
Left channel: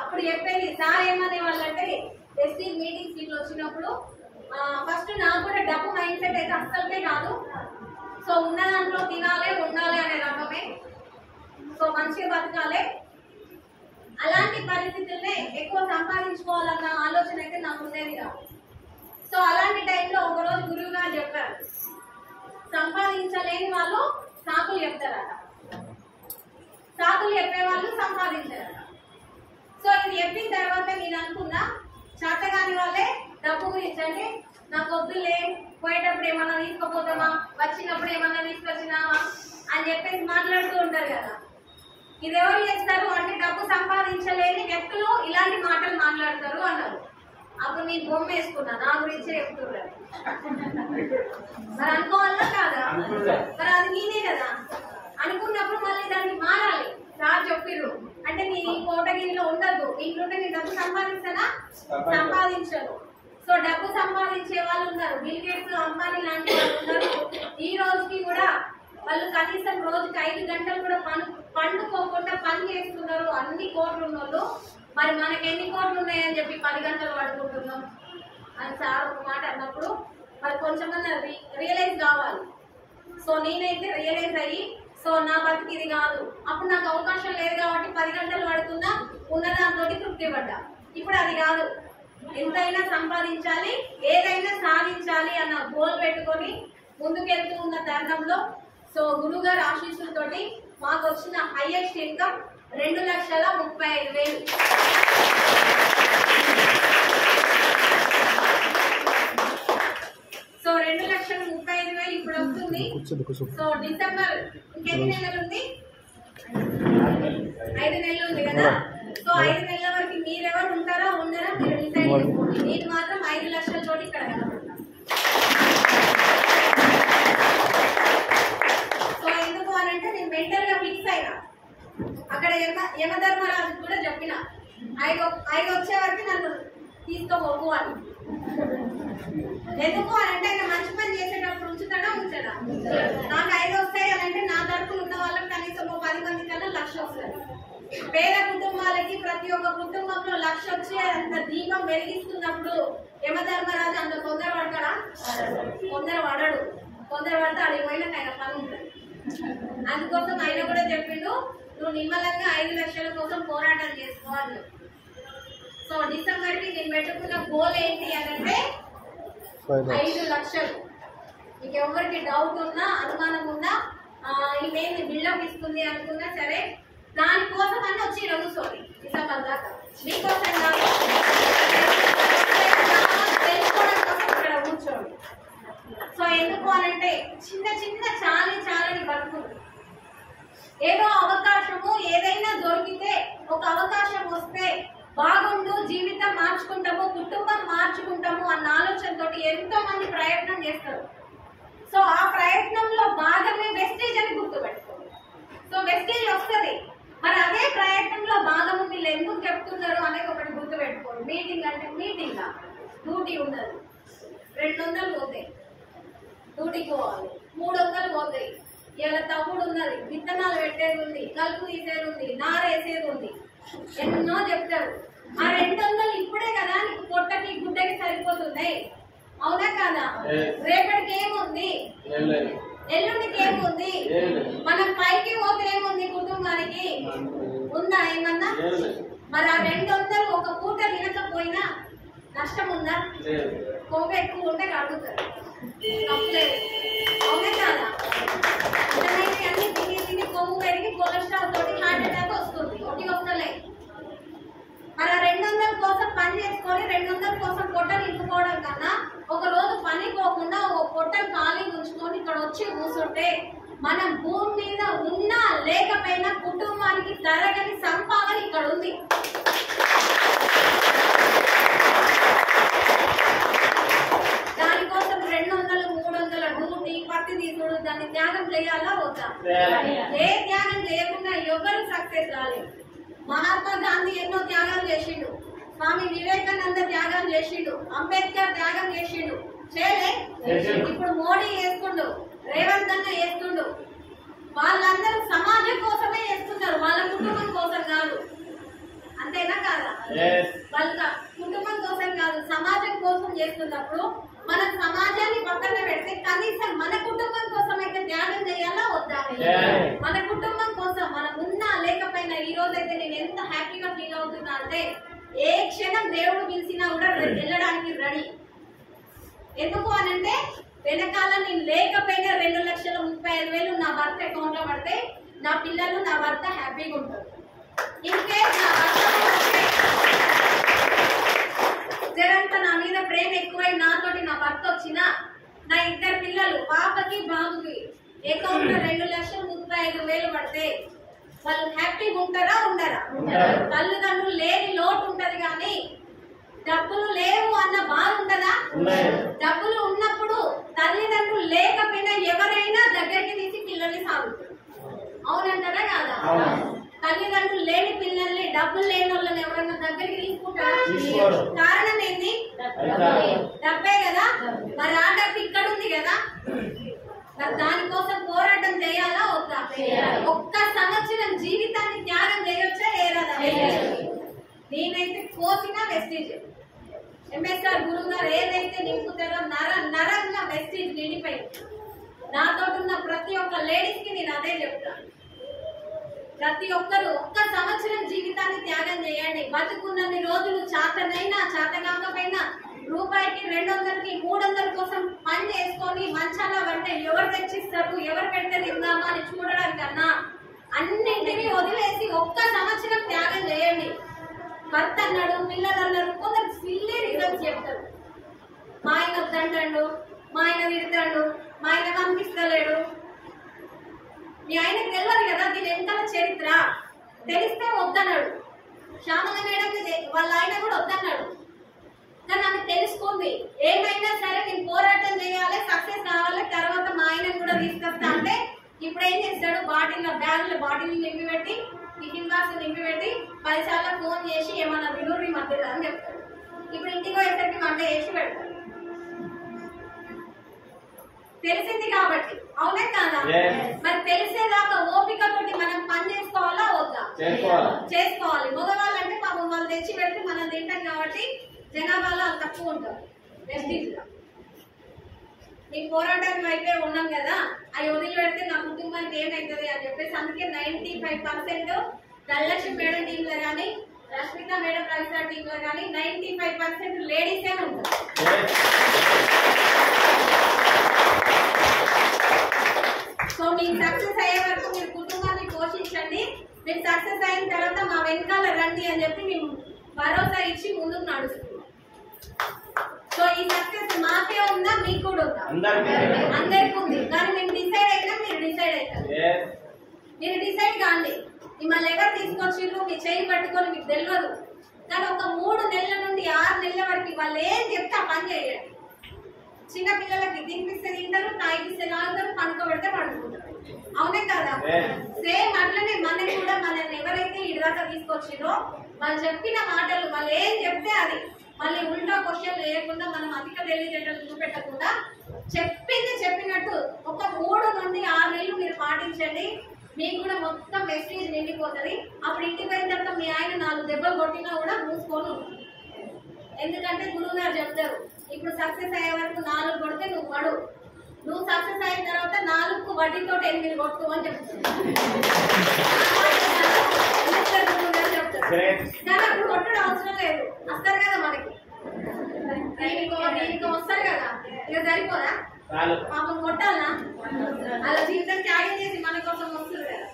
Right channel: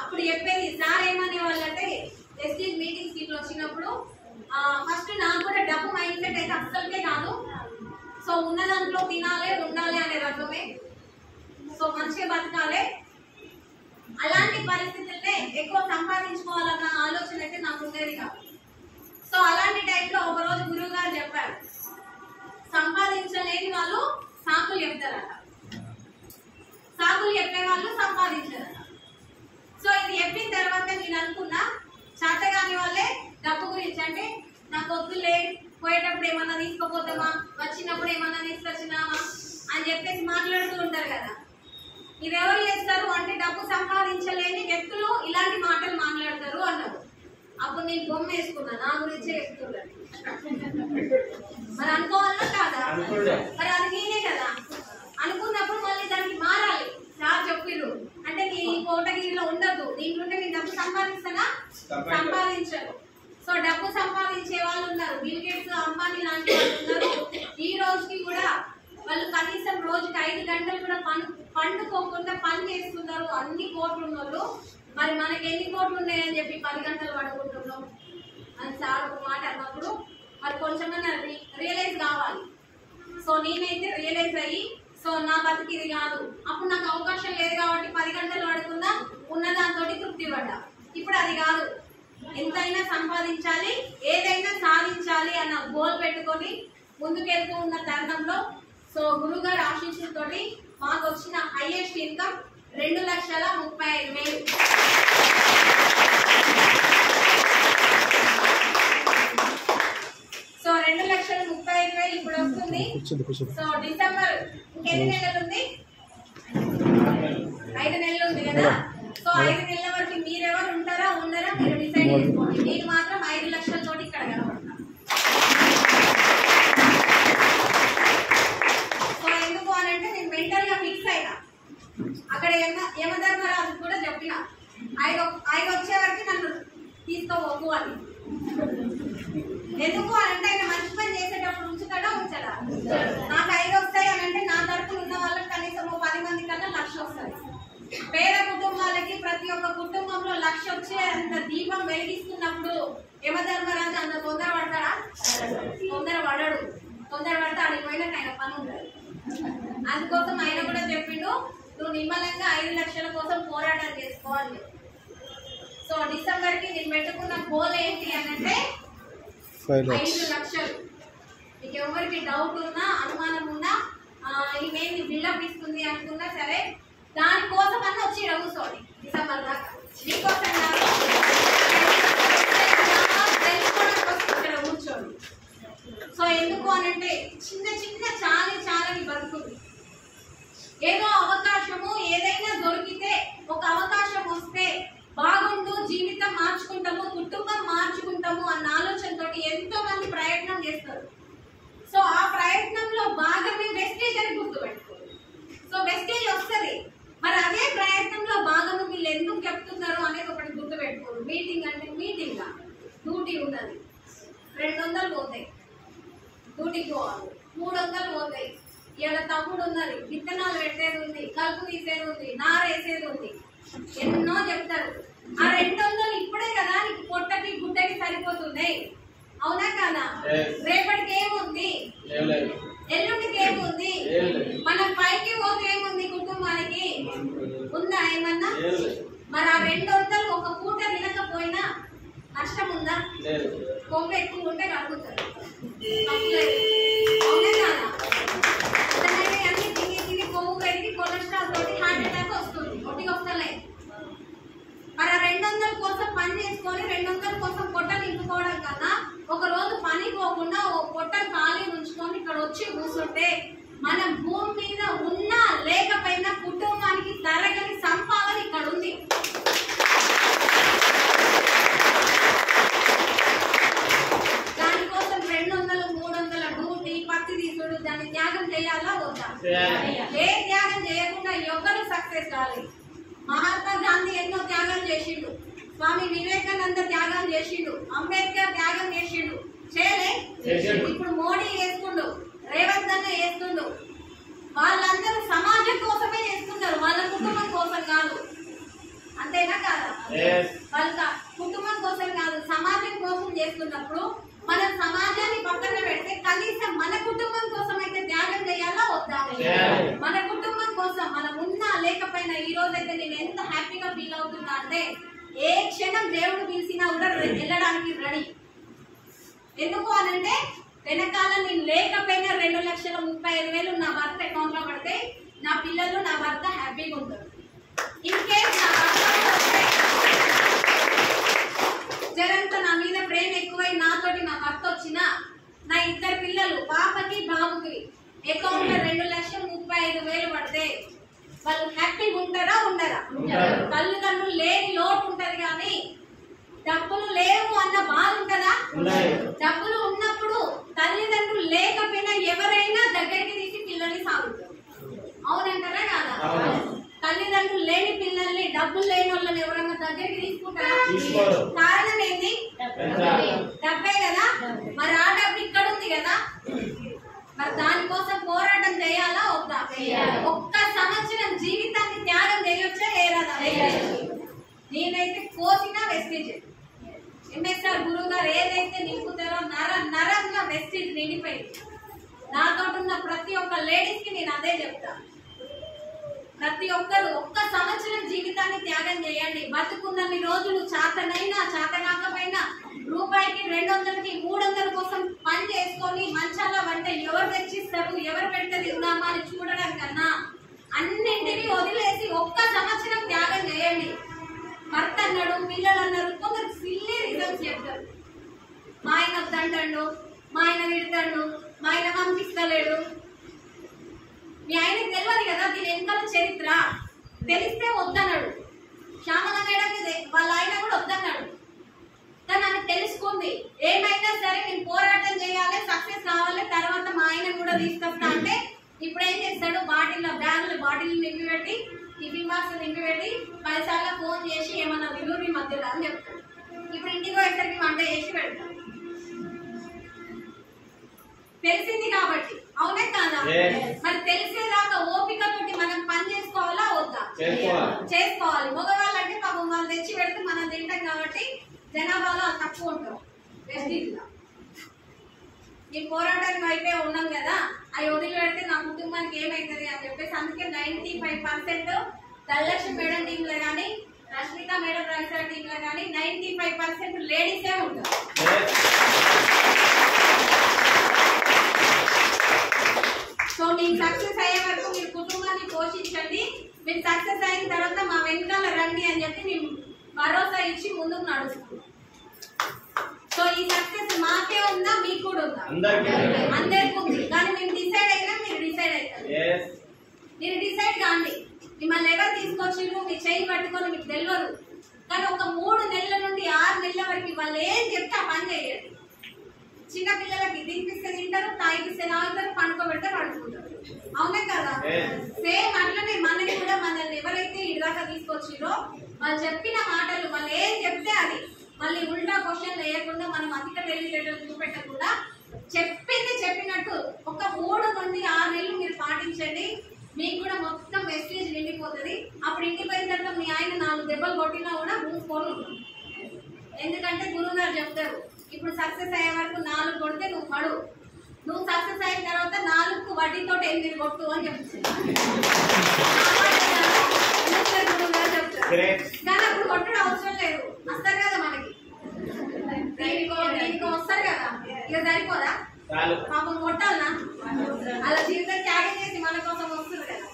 అప్పుడు చెప్పేది సార్ ఏమనే వాళ్ళంటే ప్రెస్టీజ్ మీటింగ్స్ ఇట్లా వచ్చినప్పుడు ఫస్ట్ నాకు కూడా డబ్బు మైండ్ సెట్ అయితే అస్సలకే కాదు. సో ఉన్న దాంట్లో తినాలి ఉండాలి అనే రకమే, సో మంచిగా బతకాలి. అలాంటి పరిస్థితుల్నే ఎక్కువ సంపాదించుకోవాలన్న ఆలోచన అయితే నాకు ఉండేది కాదు. సో అలాంటి టైంలో ఒకరోజు గురువు గారు చెప్పారు, సంపాదించలేని వాళ్ళు సాకులు చెప్తారట, సాకులు చెప్పే వాళ్ళు సంపాదించారట. సో ఇది చెప్పిన తర్వాత నేను అనుకున్నా, చేతగాని వాళ్ళే డబ్బు గురించి అంటే నాకు వద్దులే, పోయేటప్పుడు ఏమన్నా తీసుకోపోతామా, వచ్చినప్పుడు ఏమన్నా తీసుకొచ్చినామా అని చెప్పేసి మాట్లాడుతూ ఉంటారు కదా. ఇది ఎవరు చేస్తారు అంటే డబ్బు సంపాదించలేని వ్యక్తులు ఇలాంటి మాటలు మాట్లాడతారు అన్నారు. అప్పుడు నేను బొమ్మ వేసుకున్నా, నా గురించే చెప్తున్నారు. మరి అనుకోవాలా కాదా? మరి అది నేనే కదా అనుకున్నప్పుడు మళ్ళీ దానికి మారాలి. సార్ చెప్పిర్రు అంటే నీ కోటగిరిలో ఉండద్దు, దీంట్లోనే నేను డబ్బు సంపాదిస్తానా? సంపాదించను. సో డబ్బు సంపాదించే వాళ్ళు ఉన్నారు, బిల్ గేట్స్, అంబానీ లాంటి వాళ్ళు ఉన్నారు. ఈ రోజుకి కూడా వాళ్ళు కనీసం రోజుకి 5 గంటలు కూడా పండుకోకుండా పని చేస్తున్నారు, అన్ని కోట్లు ఉన్నోళ్ళు. మరి మనకి ఎన్ని కోట్లు ఉన్నాయని చెప్పి 10 గంటలు పడుకుంటున్నాం అని సార్ ఒక మాట అన్నప్పుడు మరి కొంచెమన్నా రియలైజ్ కావాలి. సో నేనైతే రియలైజ్ అయ్యి, సో నా బతికి ఇది కాదు, అప్పుడు నాకు అవకాశం లేదు కాబట్టి 10 గంటలు పడుతున్నా, ఉన్న దాంతో తృప్తి పడ్డా. ఇప్పుడు అది కాదు, ఎంతైనా సంపాదించాలి, ఏదైనా సాధించాలి అన్న గోల్ పెట్టుకొని ముందుకెళ్తూ ఉన్న తరుణంలో సో గురుగారి ఆశీస్సులతోటి మాకు వచ్చిన హైయెస్ట్ ఇన్కమ్ 2,35,000. సో 2,35,000 ఇప్పుడు వస్తుంది. సో డిసెంబర్ ఇంకెన్ని నెలలు ఉంది? 5 నెలలు ఉంది కదా. సో 5 నెలల వరకు మీరెవరు ఉంటారా ఉండరా మీరు డిసైడ్ చేసుకోండి. నేను మాత్రం 5 లక్షలతోటి ఇక్కడ కనబడతాను. సో ఎందుకు అని అంటే నేను మెంటల్ గా ఫిక్స్ అయినా. అక్కడ యమధర్మరాజు కూడా చెప్పిన 5 వచ్చే వరకు నన్ను తీసుకోబోకు అని. ఎందుకు అని అంటే ఆయన మంచి పని చేసేటప్పుడు ఉంచుతాడా? నాకు 5 వస్తాయి అని అంటే నా తరపున ఉన్న వాళ్ళకి కనీసం 10 మంది కన్నా 1,00,000 వస్తుంది. పేద కుటుంబాలకి ప్రతి ఒక్క కుటుంబంలో 1,00,000 వచ్చే అంత దీపం వెలిగిస్తున్నప్పుడు యమధర్మరాజు అంత తొందర పడతాడా? తొందర పడడు. తొందర పడితే అడిగి పోయినాక ఆయన పని ఉంటుంది. అందుకోసం ఆయన కూడా చెప్పిండు, నువ్వు నిమ్మలంగా 5 లక్షల కోసం పోరాటం చేసుకోవాలి. సో డిసెంబర్ కి నేను పెట్టుకున్న గోల్ ఏంటి అంటే 5 లక్షలు. మీకు ఎవరికి డౌట్ ఉన్నా, అనుమానం ఉన్నా, ఈమె బిల్డప్ ఇస్తుంది అనుకున్నా సరే, దానికోసం అన్న వచ్చి కూర్చోండి డిసెంబర్ దాకా. మీకోసం కాదు, తెలుసుకోవడం కోసం ఇక్కడ కూర్చోండి. సో ఎందుకు అని అంటే చిన్న చాలని బతుకులు, ఏదో అవకాశం సో ఆ ప్రయత్నంలో భాగమే వెస్టేజ్ అని గుర్తుపెట్టుకోండి. సో వెస్టేజ్ వస్తుంది, మరి అదే ప్రయత్నంలో భాగము వీళ్ళు ఎందుకు చెప్తున్నారు అనేది ఒకటి గుర్తుపెట్టుకోండి. మీటింగ్ అంటే మీటింగ్ డ్యూటీ ఉన్నది, 200 పోతాయి, డ్యూటీకి పోవాలి, 300 పోతాయి. ఇలా తమ్ముడు ఉన్నది, విత్తనాలు పెట్టేది ఉంది, కలుపు తీసేది ఉంది, నారేసేది ఉంది, ఎన్నో చెప్తారు. ఆ 200 ఇప్పుడే కదా నీకు పొట్టకి గుడ్డకి సరిపోతున్నాయి, అవునా కదా? రేపటికి ఏముంది, ఎల్లుండికి ఏముంది, మనం పైకి పోతే ఏముంది, కుటుంబానికి ఉందా ఏమన్నా? మరి ఆ 200 ఒక పూట తినకపోయినా నష్టం ఉందా? కొవ్వు ఎక్కువ ఉంటే కడుగుతారు, అవునా కాదా? అన్ని తిని తిని కొవ్వు పెరిగి కొలెస్ట్రాల్ తోటి హార్ట్ అటాక్ వస్తుంది, ఒకటి వస్తలే. మరి ఆ 200 కోసం పని చేసుకొని 200 కోసం పొట్ట నింపుకోవడం కన్నా ఒక రోజు పని పోకుండా ఓ పొట్ట ఖాళీ ఉంచుకొని ఇక్కడ వచ్చి కూర్చుంటే మనం భూమి మీద ఉన్నా లేకపోయినా కుటుంబానికి తరగని సంపాదన ఇక్కడ ఉంది. దానికోసం 200, 300 డ్యూటీ, పత్తి తీసుడు, దాన్ని త్యాగం చేయాలా వద్దా? ఏ త్యాగం చేయకుండా ఎవ్వరు సక్సెస్ కాలేదు. మహాత్మా గాంధీ ఎన్నో త్యాగాలు చేసిండు, స్వామి వివేకానంద త్యాగం చేసిండు, అంబేద్కర్ త్యాగం చేసిండు, చేయలే? ఇప్పుడు మోడీ చేస్తుండు, రేవంత్ అన్న చేస్తుండు. వాళ్ళందరూ సమాజం కోసమే చేస్తున్నారు, వాళ్ళ కుటుంబం కోసం కాదు. అంతేనా కాదా? వాళ్ళ కుటుంబం కోసం కాదు, సమాజం కోసం చేస్తున్నప్పుడు మనం సమాజాన్ని పక్కన పెడితే కనీసం మన కుటుంబం కోసం అయితే త్యాగం చేయాలా వద్దా? మన కుటుంబం కోసం మనం ఉన్నా లేకపోయినా ఈ రోజు అయితే నేను ఎంత హ్యాపీగా ఫీల్ అవుతున్నా అంటే ఏ క్షణం దేవుడు పిలిచినా కూడా వెళ్ళడానికి రెడీ. ఎందుకు అనంటే వెనకాల నేను లేకపోయినా 2,35,000 నా భర్త అకౌంట్ లో పడితే నా పిల్లలు నా భర్త హ్యాపీగా ఉంటారు. ఇన్ కేస్ నా జరంత నా మీద ప్రేమ ఎక్కువై నాతోటి నా భర్త వచ్చినా నా 2 పిల్లలు పాపకి బాబుకి అకౌంట్ లో 2,35,000 పడితే వాళ్ళు హ్యాపీగా ఉంటారా ఉండరా? తల్లిదండ్రులు లేని లోటు ఉంటది కానీ డబ్బులు లేవు అన్న బాధ ఉంటదా? డబ్బులు ఉన్నప్పుడు తల్లిదండ్రులు లేకపోయినా ఎవరైనా దగ్గరికి తీసి పిల్లల్ని సాగుతారు, అవునంటారా కాదా? తల్లిదండ్రులు లేని పిల్లల్ని డబ్బులు లేని వాళ్ళని ఎవరన్నా దగ్గరికి తీసుకుంటారా? కారణం ఏంటి? డబ్బే కదా. మరి ఆ డబ్బు ఇక్కడ ఉంది కదా, మరి దానికోసం పోరాటం చేయాలా వద్దా? ఒక్క సంవత్సరం జీవితాన్ని త్యాగం చేయొచ్చా ఏరాదా? నేనైతే కోసిన వెస్టేజ్. ఎంఎస్ఆర్ గురువు గారు ఏదైతే నింపుతారో నరంగా వెస్టేజ్ నిండిపోయింది. నాతో ఉన్న ప్రతి ఒక్క లేడీస్ కి నేను అదే చెప్తాను, ప్రతి ఒక్కరు ఒక్క సంవత్సరం జీవితాన్ని త్యాగం చేయండి. బతుకున్నన్ని రోజులు చాతనైనా చాతకాకపోయినా రూపాయికి 200కి 300 కోసం పని చేసుకొని మంచాల వంట ఎవరు తెచ్చిస్తారు, ఎవరు పెడితే తిందామా అని చూడడం కన్నా అన్నింటినీ వదిలేసి ఒక్క సంవత్సరం త్యాగం చేయండి. భర్త అన్నాడు, పిల్లలు అన్నారు, కొందరు సిల్లీ రీజన్స్ చెప్తారు. మా ఆయన వద్దంటాడు, మా ఆయన తిడతాడు, మా ఆయన పంపిస్తలేడు. మీ ఆయనకు తెలియదు కదా దీని వెనకాల చరిత్ర, తెలిస్తే వద్దన్నాడు. శ్యామల మేడంకి వాళ్ళ ఆయన కూడా వద్దన్నాడు, కానీ నాకు తెలుసుకుంది. ఏమైనా సరే నేను పోరాటం చేయాలి, సక్సెస్ కావాలి, తర్వాత మా ఆయన కూడా తీసుకొస్తా అంటే ఇప్పుడు ఏం చేస్తాడు, బ్యాగులు బాటిల్ నింపి పెట్టి టిఫిన్ బాక్స్ నింపి పెట్టి 10 సార్లు ఫోన్ చేసి ఏమన్నా విలువరి మధ్యలో అని చెప్తాడు. ఇప్పుడు ఇంటికి పోయేసరికి వంట చేసి పెడతాడు. తెలిసింది కాబట్టి, అవునే కాదా? మరి తెలిసేదాకా ఓపికతోటి మనం పని చేసుకోవాలా వద్దా? చేసుకోవాలి. మగవాళ్ళంటే పాపం వాళ్ళు తెచ్చి పెడితే మనం తింటాం కాబట్టి జనాభాలో తక్కువ ఉంటాం. వెస్టీజ్ గా మేము పోరాటానికి అయిపోయి ఉన్నాం కదా, అవి వదిలి పెడితే నా కుటుంబానికి ఏమైతుంది అని చెప్పేసి అందుకే 95% ధనలక్ష్మి మేడం టీమ్ లో కానీ రష్మిక మేడం రవిసార్ టీమ్ లో కానీ 95% లేడీసే ఉంటారు. సో మీకు సక్సెస్ అయ్యే వరకు మీరు కుటుంబాన్ని పోషించండి. మీరు సక్సెస్ అయిన తర్వాత మా వెనకాల రండి అని చెప్పి మేము భరోసా ఇచ్చి ముందుకు నడుస్తున్నాం. సో ఈ సక్సెస్ మాకే ఉందా, మీకు కూడా ఉందా? అందరికి ఉంది. కానీ మేము డిసైడ్ అయినా మీరు డిసైడ్ అవుతారు. మీరు డిసైడ్ కాండి. మిమ్మల్ని ఎవరు తీసుకొచ్చిర్రు మీ చేయి పట్టుకొని మీకు తెలియదు, కానీ ఒక 3 నెలల నుండి 6 నెలల వరకు వాళ్ళు ఏం చెప్తే ఆ పని చేయండి. చిన్న పిల్లలకి తినిపిస్తే తింటారు, తాగిపిస్తే తాగుతారు, పడుకోబెడితే పడుకుంటారు. అవునే కదా? సేమ్ అట్లనే మనని కూడా మనల్ని ఎవరైతే ఇటుదాకా తీసుకొచ్చిరో వాళ్ళు చెప్పిన మాటలు వాళ్ళు ఏం చెప్తే అది మళ్ళీ ఉల్టా క్వశ్చన్ వేయకుండా మనం అధిక తెలివితేటలు చూపెట్టకుండా చెప్పింది చెప్పినట్టు ఒక 3 నుండి 6 నెలలు మీరు పాటించండి. మీకు కూడా మొత్తం మెసేజ్ నిండిపోతుంది. అప్పుడు ఇంటికి పోయిన తర్వాత మీ ఆయన 4 దెబ్బలు కొట్టినా కూడా మూసుకొని ఉంటుంది. ఎందుకంటే గురువు గారు చెప్తారు, ఇప్పుడు సక్సెస్ అయ్యే వరకు 4 కొడితే నువ్వు పడు, నువ్వు సక్సెస్ అయిన తర్వాత 4కు వడ్డీతో 8 కొట్టు అని చెప్తారు. కానీ అప్పుడు కొట్టడం అవసరం లేదు, వస్తారు కదా మనకి, దీనికి వస్తారు కదా, ఇక సరిపోదా? పాపం కొట్టాలనా? అలా జీవితం త్యాగం చేసి మన కోసం వస్తుంది కదా,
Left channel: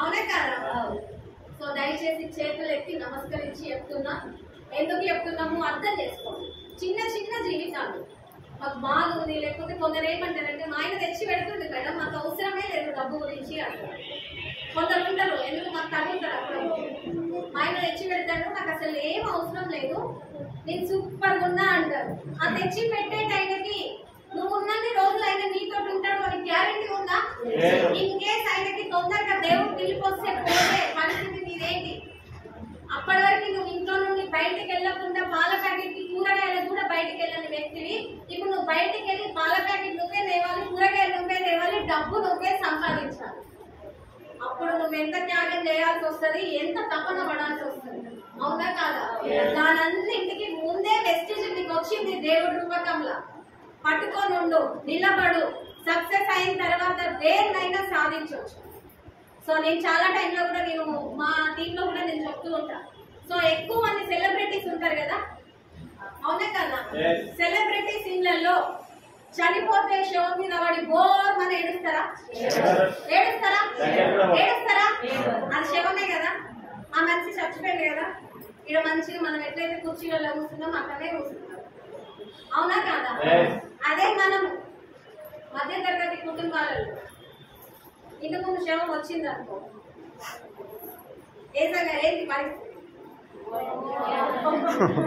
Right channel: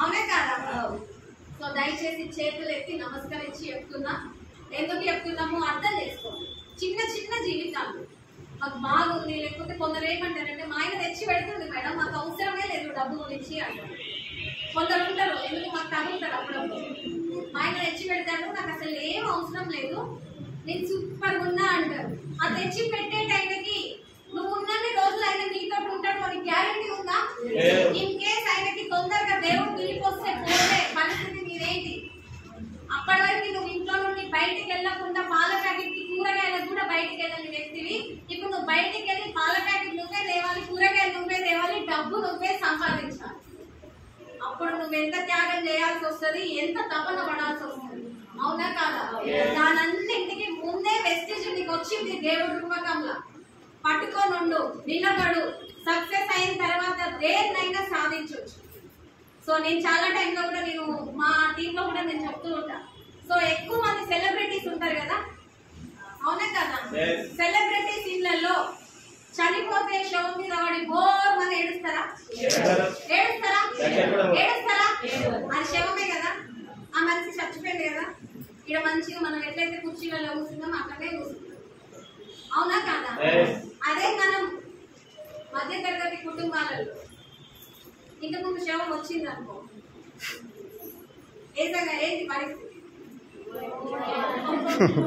అవునే కాదా? సో దయచేసి చేతులు ఎత్తి నమస్కరించి చెప్తున్నా. ఎందుకు చెప్తున్నాము అర్థం చేసుకోండి. చిన్న చిన్న జీవితాలు మాకు బాగుంది, లేకపోతే కొందరు ఏమంటారంటే మా ఆయన తెచ్చి పెడుతుంది మేడం, మాకు అవసరమే లేదు డబ్బు గురించి అంటారు. కొందరు ఉంటారు, ఎందుకు మాకు తగ్గుతారు అప్పుడు, మా ఆయన తెచ్చి పెడతాడు, నాకు అసలు ఏం అవసరం లేదు, నేను సూపర్గా ఉన్నా అంటారు. ఆ తెచ్చి పెట్టే టైంకి నువ్వు ఉన్నన్ని రోజులు ఆయన నీతో ఉంటాడు అని గ్యారెంటీ ఉందా? ఇన్ కేస్ ఆయనకి తొందరగా దేవుడు పిలిపొస్తే పోతే పరిస్థితి మీదేంటి? అప్పటి వరకు నువ్వు ఇంట్లో నుండి బయటికి వెళ్ళకుండా పాల ప్యాకెట్ కి కూరగాయలకు కూడా బయటికి వెళ్ళని వ్యక్తివి. ఇప్పుడు నువ్వు బయటికి వెళ్ళి పాల ప్యాకెట్ నువ్వే తేవాలి, కూరగాయలు నువ్వే తేవాలి, డబ్బు నువ్వే సంపాదించాలి. అప్పుడు నువ్వు ఎంత త్యాగం చేయాల్సి వస్తుంది, ఎంత తపన పడాల్సి వస్తుంది, అవునా కాదా? దానన్నింటికి ముందే వెస్టేజ్ నీకు వచ్చింది దేవుడి రూపకంలో. పట్టుకొని ఉండు, నిలబడు, సక్సెస్ అయిన తర్వాత దేన్నైనా సాధించవచ్చు. సో నేను చాలా టైంలో కూడా నేను మా టీంలో కూడా నేను చెప్తూ ఉంటా. సో ఎక్కువ మంది సెలబ్రిటీస్ ఉంటారు కదా, అవునా కదా? సెలబ్రిటీస్ ఇళ్లలో చనిపోతే శవం మీద వాడి బోర్ అని ఏడుస్తారా? ఏడుస్తారా? ఏడుస్తారా? అది శవమే కదా, ఆ మనిషి చచ్చిపోయింది కదా. ఇక్కడ మంచిగా మనం ఎట్లయితే కుర్చీలలో కూర్చున్నాం అక్కడే కూర్చున్నాం, అవునా కాదా? అదే మనం మధ్య తరగతి కుటుంబాలలో ఇంటి ముందు శవం వచ్చింది అనుకో, ఏంటి పరిస్థితి?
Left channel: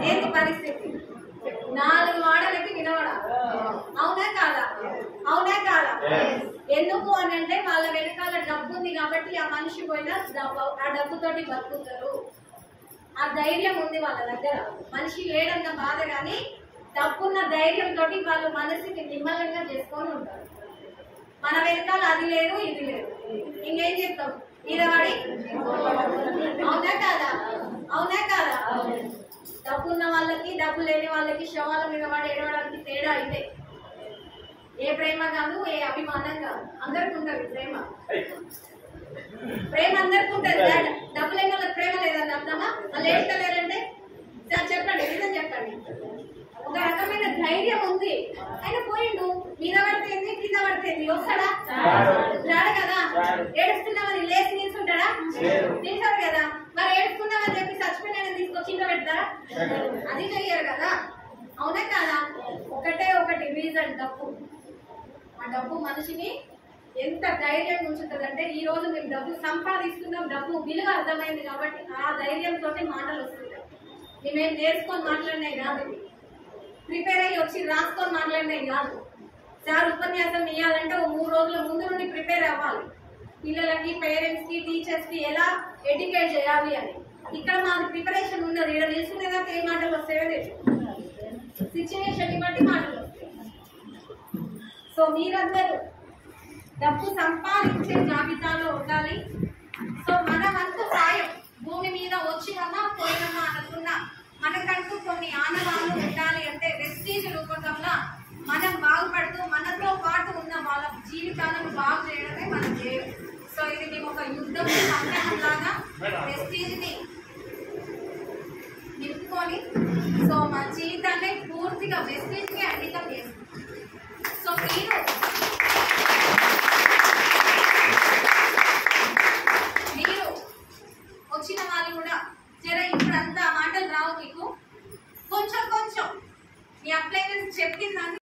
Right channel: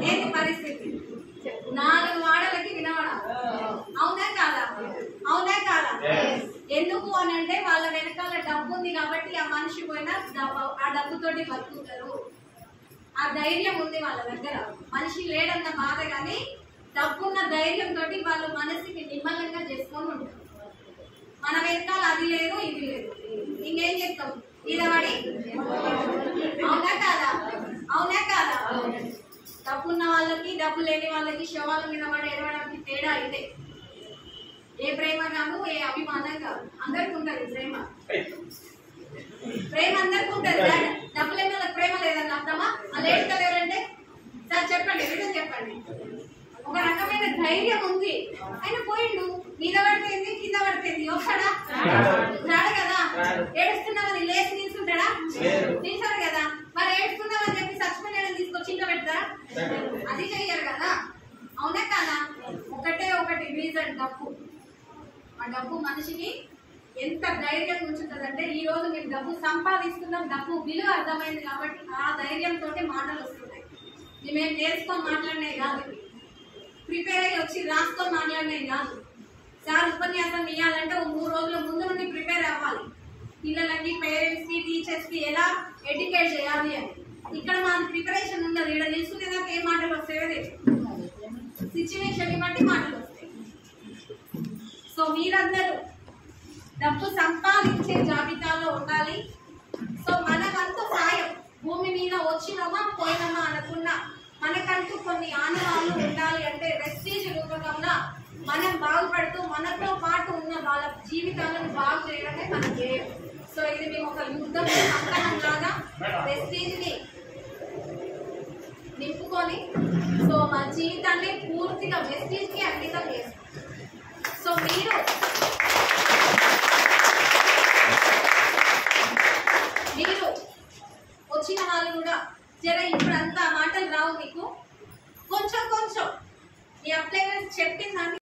ఏంటి పరిస్థితి? 4 వాడలకి వినవడాలి, అవునా కాదా? అవునా కాదా? ఎందుకు అని అంటే వాళ్ళ వెనకాల డబ్బు ఉంది కాబట్టి ఆ మనిషి పోయినా ఆ డబ్బుతోటి బతుకుతారు. ఆ ధైర్యం ఉంది వాళ్ళ దగ్గర. మనిషి లేడన్న బాధ కానీ డబ్బున్న ధైర్యంతో వాళ్ళు మనసుకి నిమ్మలంగా చేసుకొని ఉంటారు. మన వెనకాల అది లేదు ఇది లేదు, ఇంకేం చెప్తాం? ఇదవాడి, అవునా కాదా? అవునా కాదా? డబ్బున్న వాళ్ళకి డబ్బు లేని వాళ్ళకి శవాల మీద వాడు ఏడవడానికి తేడా అయితే ఏ ప్రేమ కాదు, ఏ అభిమానం కాదు, అందరికి ఉంటుంది ప్రేమ. ప్రేమ అందరికి ఉంటుంది. డబ్బు లేని వాళ్ళకి ప్రేమ లేదని అర్థమా? వాళ్ళు ఏడుతలేరంటే సార్ చెప్పండి, రీజన్ చెప్పండి. ఒక రకమైన ధైర్యం ఉంది. ఆయన పోయిండు, మీద పడిపోయింది, కింద పడిపోయింది, వస్తాడా? రాడు కదా. ఏడుస్తున్నామని లేచి నిల్చుంటాడా? నిల్చోడు కదా. మరి ఏడుస్తున్నామని చెప్పి చచ్చిపోయిన తీసుకొచ్చి ఇంట్లో పెడతారా? అది చెయ్యరు కదా, అవునా కాదా? ఒకటి రీజన్ డబ్బు. ఆ డబ్బు మనిషిని ఎంత ధైర్యంగా ఉంచుతుందంటే ఈ రోజు మేము డబ్బు సంపాదిస్తున్నాం, డబ్బు విలువ అర్థమైంది కాబట్టి ఆ ధైర్యంతో మాటలు వస్తున్నాయి. మేమేం నేర్చుకొని మాట్లాడినాయి కాదు, ప్రిపేర్ అయ్యి వచ్చి రాసుకొని మాట్లాడినాయి కాదు. సార్ ఉపన్యాసం ఇవ్వాలంటే 3 రోజుల ముందు నుండి ప్రిపేర్ అవ్వాలి. పిల్లలకి, పేరెంట్స్కి, టీచర్స్కి ఎలా ఎడ్యుకేట్ చేయాలి అని. ఇక్కడ మాది ప్రిపరేషన్ ఉన్నది. ఇక్కడ తెలుసుకునేదాకా ఏ మాటలు వస్తాయో తెలియదు, సిచ్యువేషన్ బట్టి మాటలు వస్తాయి. సో మీరందరూ డబ్బు సంపాదించే జాబితాలో ఉండాలి. సో మన వంతు సాయం భూమి మీద వచ్చినామా పోయినామా అనుకున్నా మనకంటూ కొన్ని ఆనవాళ్ళు ఉండాలి. అంటే వెస్టీజ్ రూపకంగా మనం బాగుపడుతూ మనతో పాటు ఉన్న వాళ్ళ జీవితాలను బాగు చేయడమే మన ధ్యేయం. సో ఇది మేము ఒక యుద్ధం లాగా వెస్టీజ్ ని నింపుకొని సో మన జీవితాన్ని పూర్తిగా వెస్టీజ్ కి అంకితం చేస్తాం. సో మీరు